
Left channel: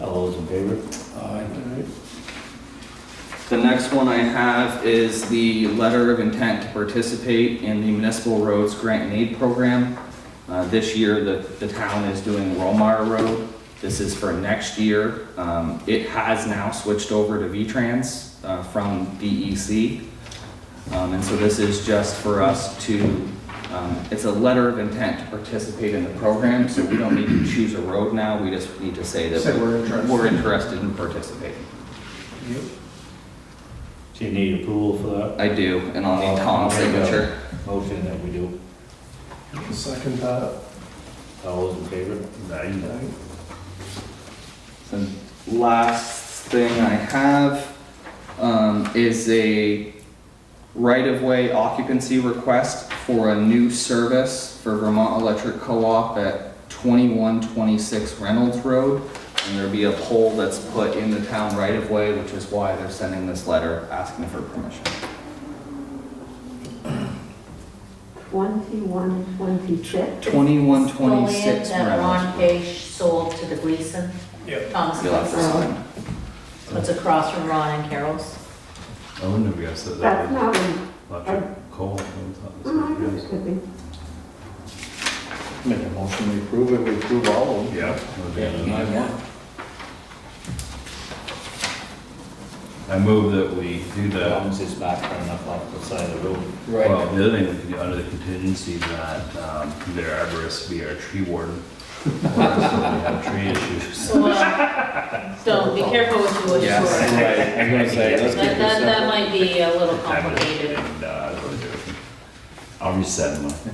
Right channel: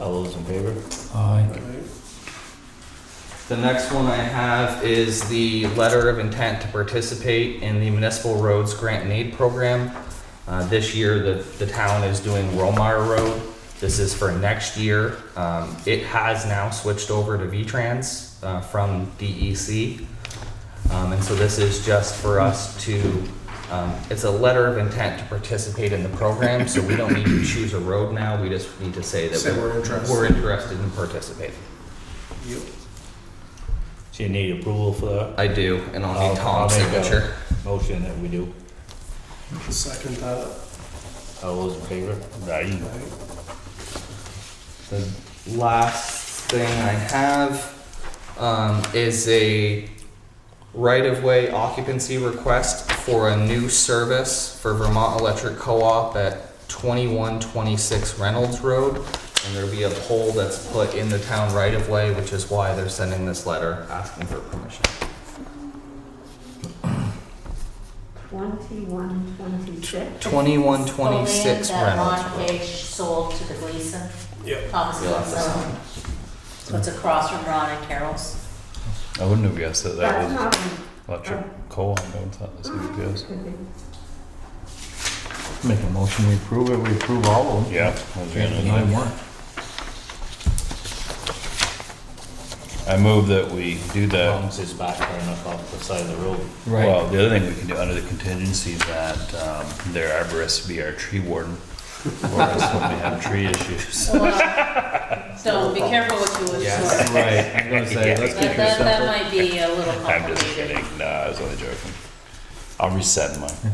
All those in favor? Aye. Alright. The next one I have is the letter of intent to participate in the Municipal Roads Grant and Aid Program. This year, the town is doing Romar Road. This is for next year. It has now switched over to V-Trans from DEC. And so this is just for us to, it's a letter of intent to participate in the program, so we don't need to choose a road now, we just need to say Say that we're interested. we're interested in participating. Yep. So you need approval for that? I do, and I'll need Tom's I'll make a signature. Motion that we do. Second that. All those in favor? Aye. The last thing I have is a right-of-way occupancy request for a new service for Vermont Electric Co-op at 2126 Reynolds Road. And there'll be a pole that's put in the town right-of-way, which is why they're sending this letter asking for permission. 2126. 2126 That Ron Reynolds. Page sold to the Gleason. Yep. Thomas You'll have to Gleason. sign. So it's across from Ron and Carol's. I wouldn't have guessed that That's was not in. electric co-op. I thought this was good. Could be. Make a motion, we approve it, we approve all of them. Yeah. I was gonna- 9-1. I move that we do the, Once it's back far enough off the side of the road. well, the other thing we can do under the contingency that their arborist be our tree warden. Or else when we have tree issues. So be careful what you wish Yes, for. right. I'm gonna say, let's keep it That simple. might be a little I'm just complicated. kidding. No, I was only joking. I'll resend mine.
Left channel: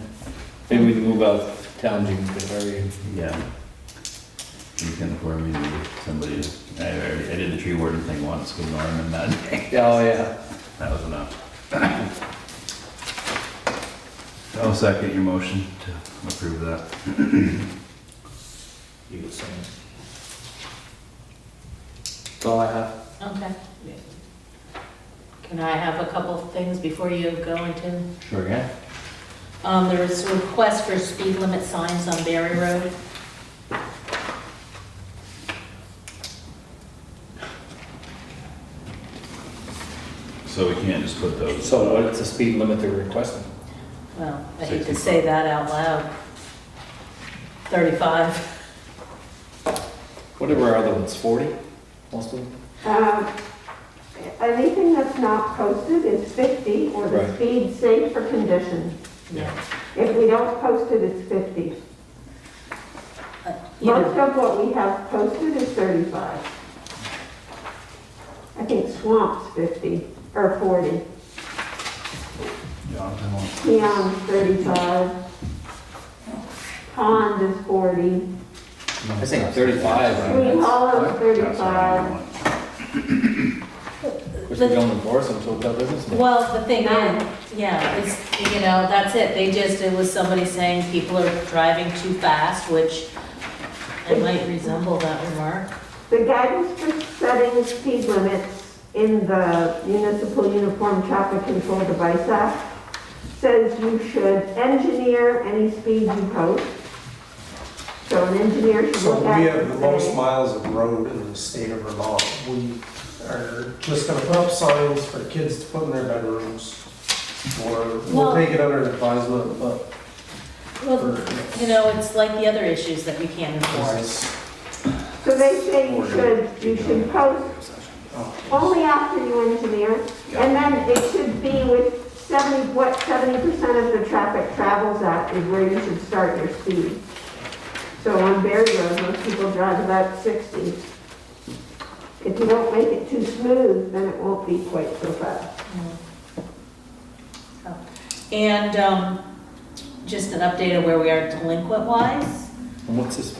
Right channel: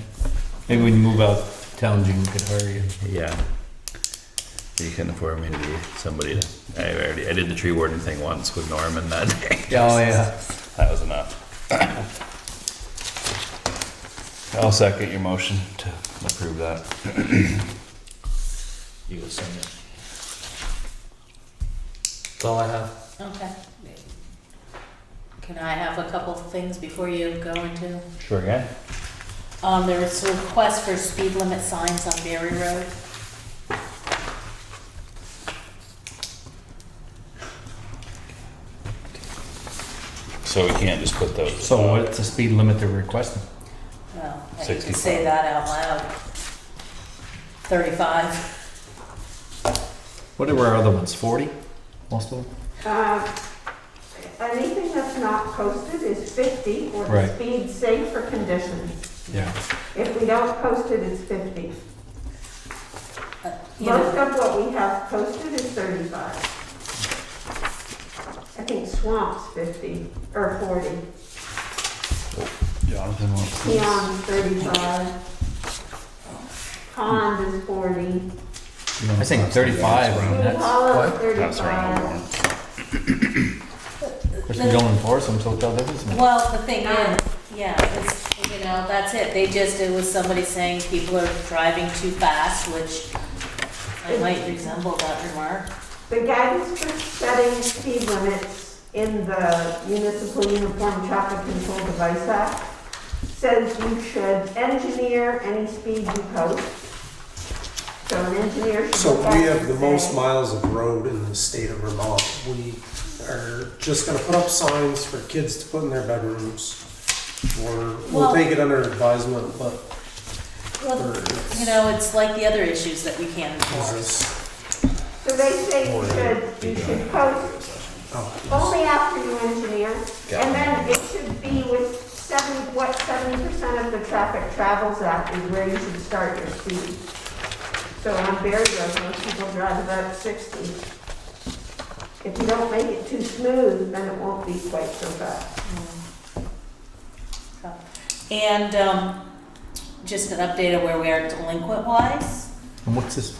Maybe we can move out town area. Yeah. You can afford me to be somebody. I did the tree warden thing once with Norman that day. Oh, yeah. That was enough. I'll second your motion to approve that. You were saying. That's all I have. Okay. Can I have a couple of things before you go into? Sure, yeah. There was a request for speed limit signs on Berry Road. So we can't just put those. So what's the speed limit they're requesting? Well, I hate to 65. say that out loud. 35. What were our other ones, 40, most of them? Anything that's not posted is 50, or the Right. speed safe for conditions. Yeah. If we don't post it, it's 50. You Most know, of what we have posted is 35. I think Swamp's 50, or 40. Peon's 35. Pond is 40. I think 35 around We that. call it That's 35. Of course, we don't enforce them until that business. Well, the thing is, yeah, it's, you know, that's it, it was somebody saying people are driving too fast, which I might resemble that remark. The guidance for setting speed limits in the Municipal Uniform Traffic Control Device Act says you should engineer any speed you post. So an engineer should So look at we it have and the most say, miles of road in the state of Vermont. We are just gonna put up signs for kids to put in their bedrooms. Or we'll Well- take it under advisement, but Well, you know, it's like the other issues that we can't enforce. otherwise, so they say you should post oh, only after you engineer, and then it should be with 70% of the traffic travels at is where you should start your speed. So on Berry Road, most people drive about 60. If you don't make it too smooth, then it won't be quite so fast. And just an update on where we are delinquent-wise. And what's this?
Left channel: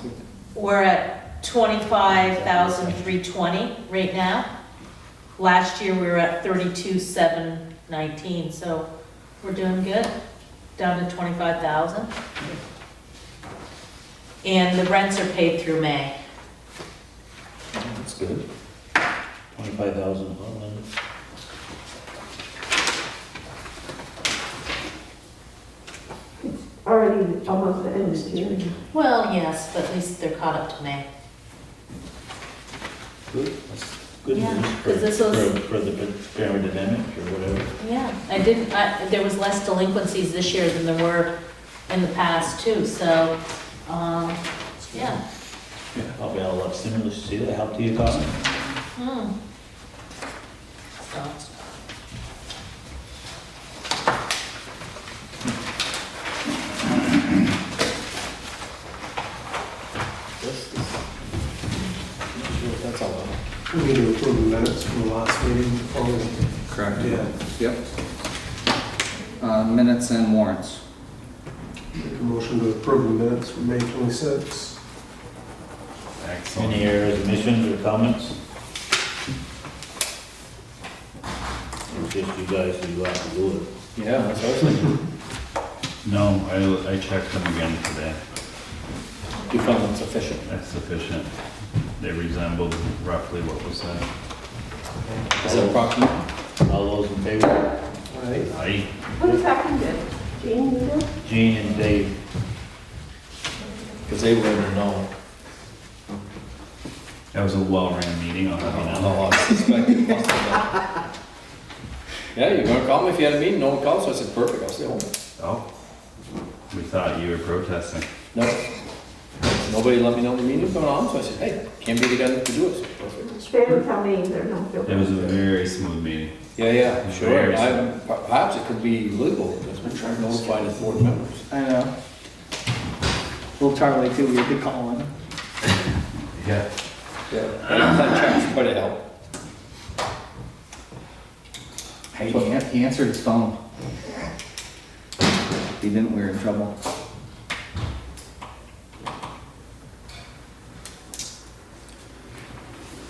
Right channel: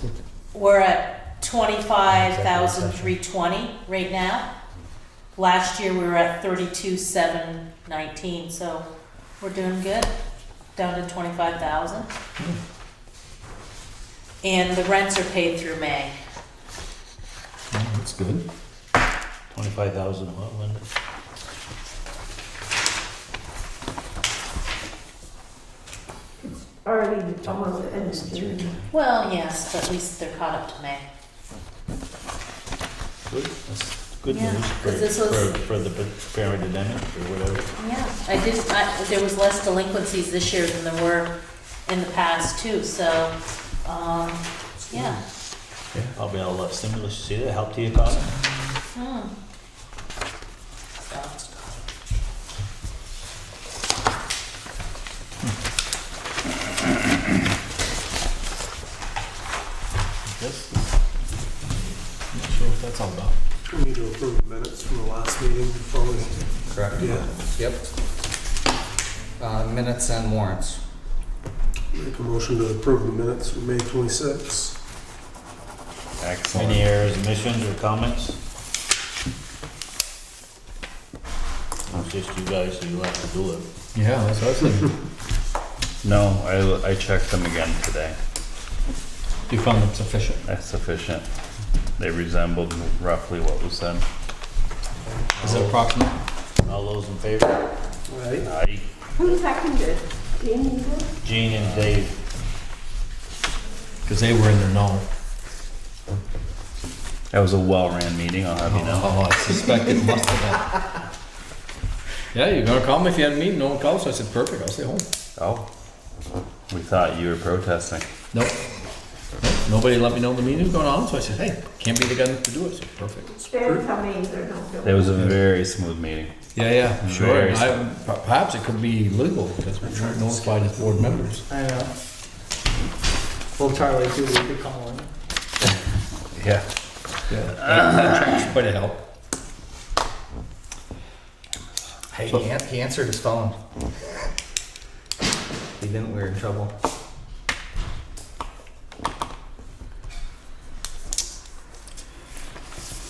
We're at 25,320 right now. Last year, we were at 32,719, so we're doing good, down to 25,000. And the rents are paid through May. That's good. 25,000, what, Linda? Already almost the end of June. Well, yes, but at least they're caught up to May. Good, that's good Yeah, news 'cause this was- for the repairing the damage or whatever. Yeah, there was less delinquencies this year than there were in the past too, so, yeah. Probably all that stimulus, you see that helped the economy? Hmm. So, Sure what that's all about. we need to approve the minutes from the last meeting before we, Correct. yeah. Yep. Minutes and warrants. Make a motion to approve the minutes from May 26th. Excellent. Any errors, omissions, or comments? It's just you guys who have to do it. Yeah, that's what I was thinking. No, I checked them again today. You found it sufficient. That's sufficient. They resembled roughly what was said. Is that approximate? All those in favor? Right? Aye. Who seconded? Jean, you did? Gene and Dave. Because they were in the know. That was a well-ran meeting, I'll have you know. Oh, I suspect it must have been. Yeah, you're gonna call me if you had a meeting, no one called, so I said, perfect, I'll stay home. Oh. We thought you were protesting. Nope. Nobody let me know the meeting was going on, so I said, hey, can't be the guy to do it, so perfect. They didn't tell me either, no. It was a very smooth meeting. Yeah, sure. Very Perhaps it could be legal, because we're trying to notify the board members. I know. Well, Charlie too, we could call him. Yeah. That quite a help. Hey, he answered his phone. He didn't, we were in trouble.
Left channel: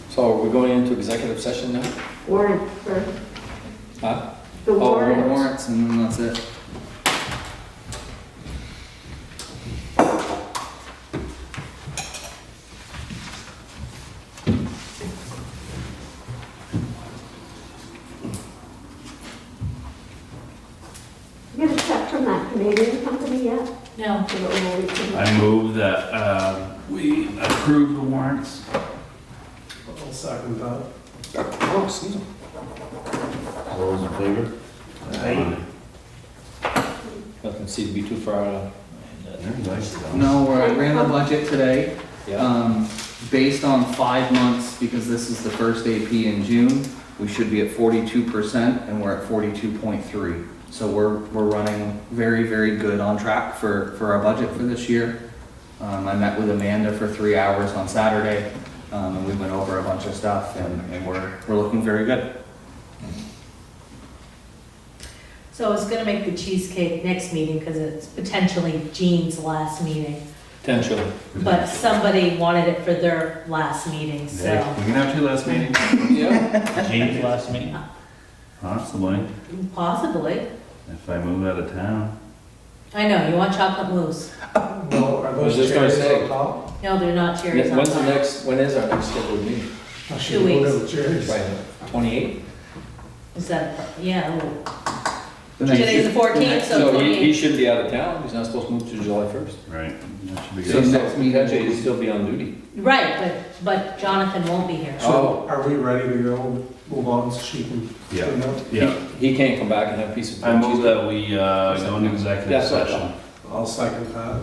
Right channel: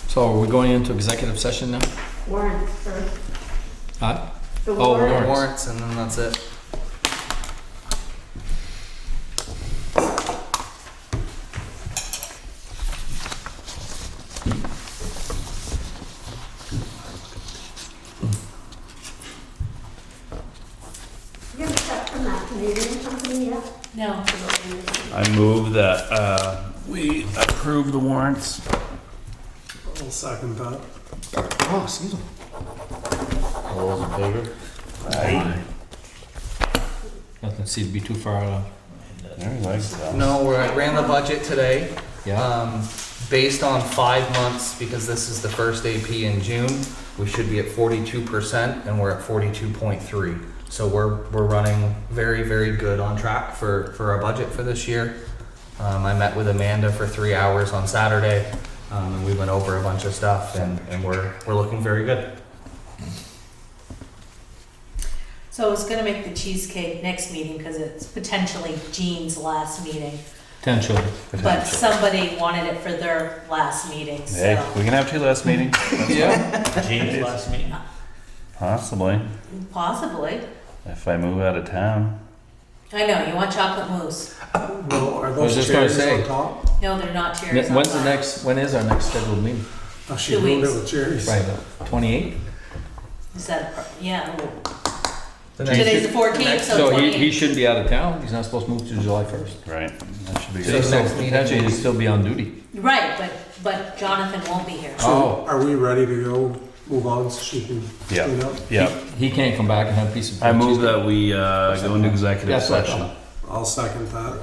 So are we going into executive session now? Warrants first. Huh? The Oh, warrants. Warrants, and then that's it. You get a check from that Canadian company yet? no, For the oil I move that, we approve the warrants. I'll second that. Oh, excuse me. All those in favor? Aye. Nothing seemed to be too far out. No, I ran the budget today. Yeah. Based on 5 months, because this is the first AP in June, we should be at 42%, and we're at 42.3. So we're running very, very good on track for our budget for this year. I met with Amanda for 3 hours on Saturday, and we went over a bunch of stuff, and we're looking very good. so I was gonna make the cheesecake next meeting, because it's potentially Jean's last meeting. Potentially. but somebody wanted it for their last meeting, so. Hey, we can have two last meetings. Yeah. Gene's last meeting. Possibly, Possibly. if I move out of town. I know, you want chocolate mousse. No, are I was those just gonna cherries say. on top? No, they're not cherries. on When's the top. next, when is our next scheduled meeting? I 2 should go weeks. to the cherries. Right, 28? Is that, yeah, The next- today's the 14th, so No, he 28th. should be out of town, he's not supposed to move to July 1st. Right, that should be So good. next meeting- Potentially, he'd still be on duty. Right, but Jonathan won't be here. Oh. So are we ready to go, move on so she can Yeah, clean up? yeah. He can't come back and have a piece of. I move that we go into executive That's what I session. I'll second that.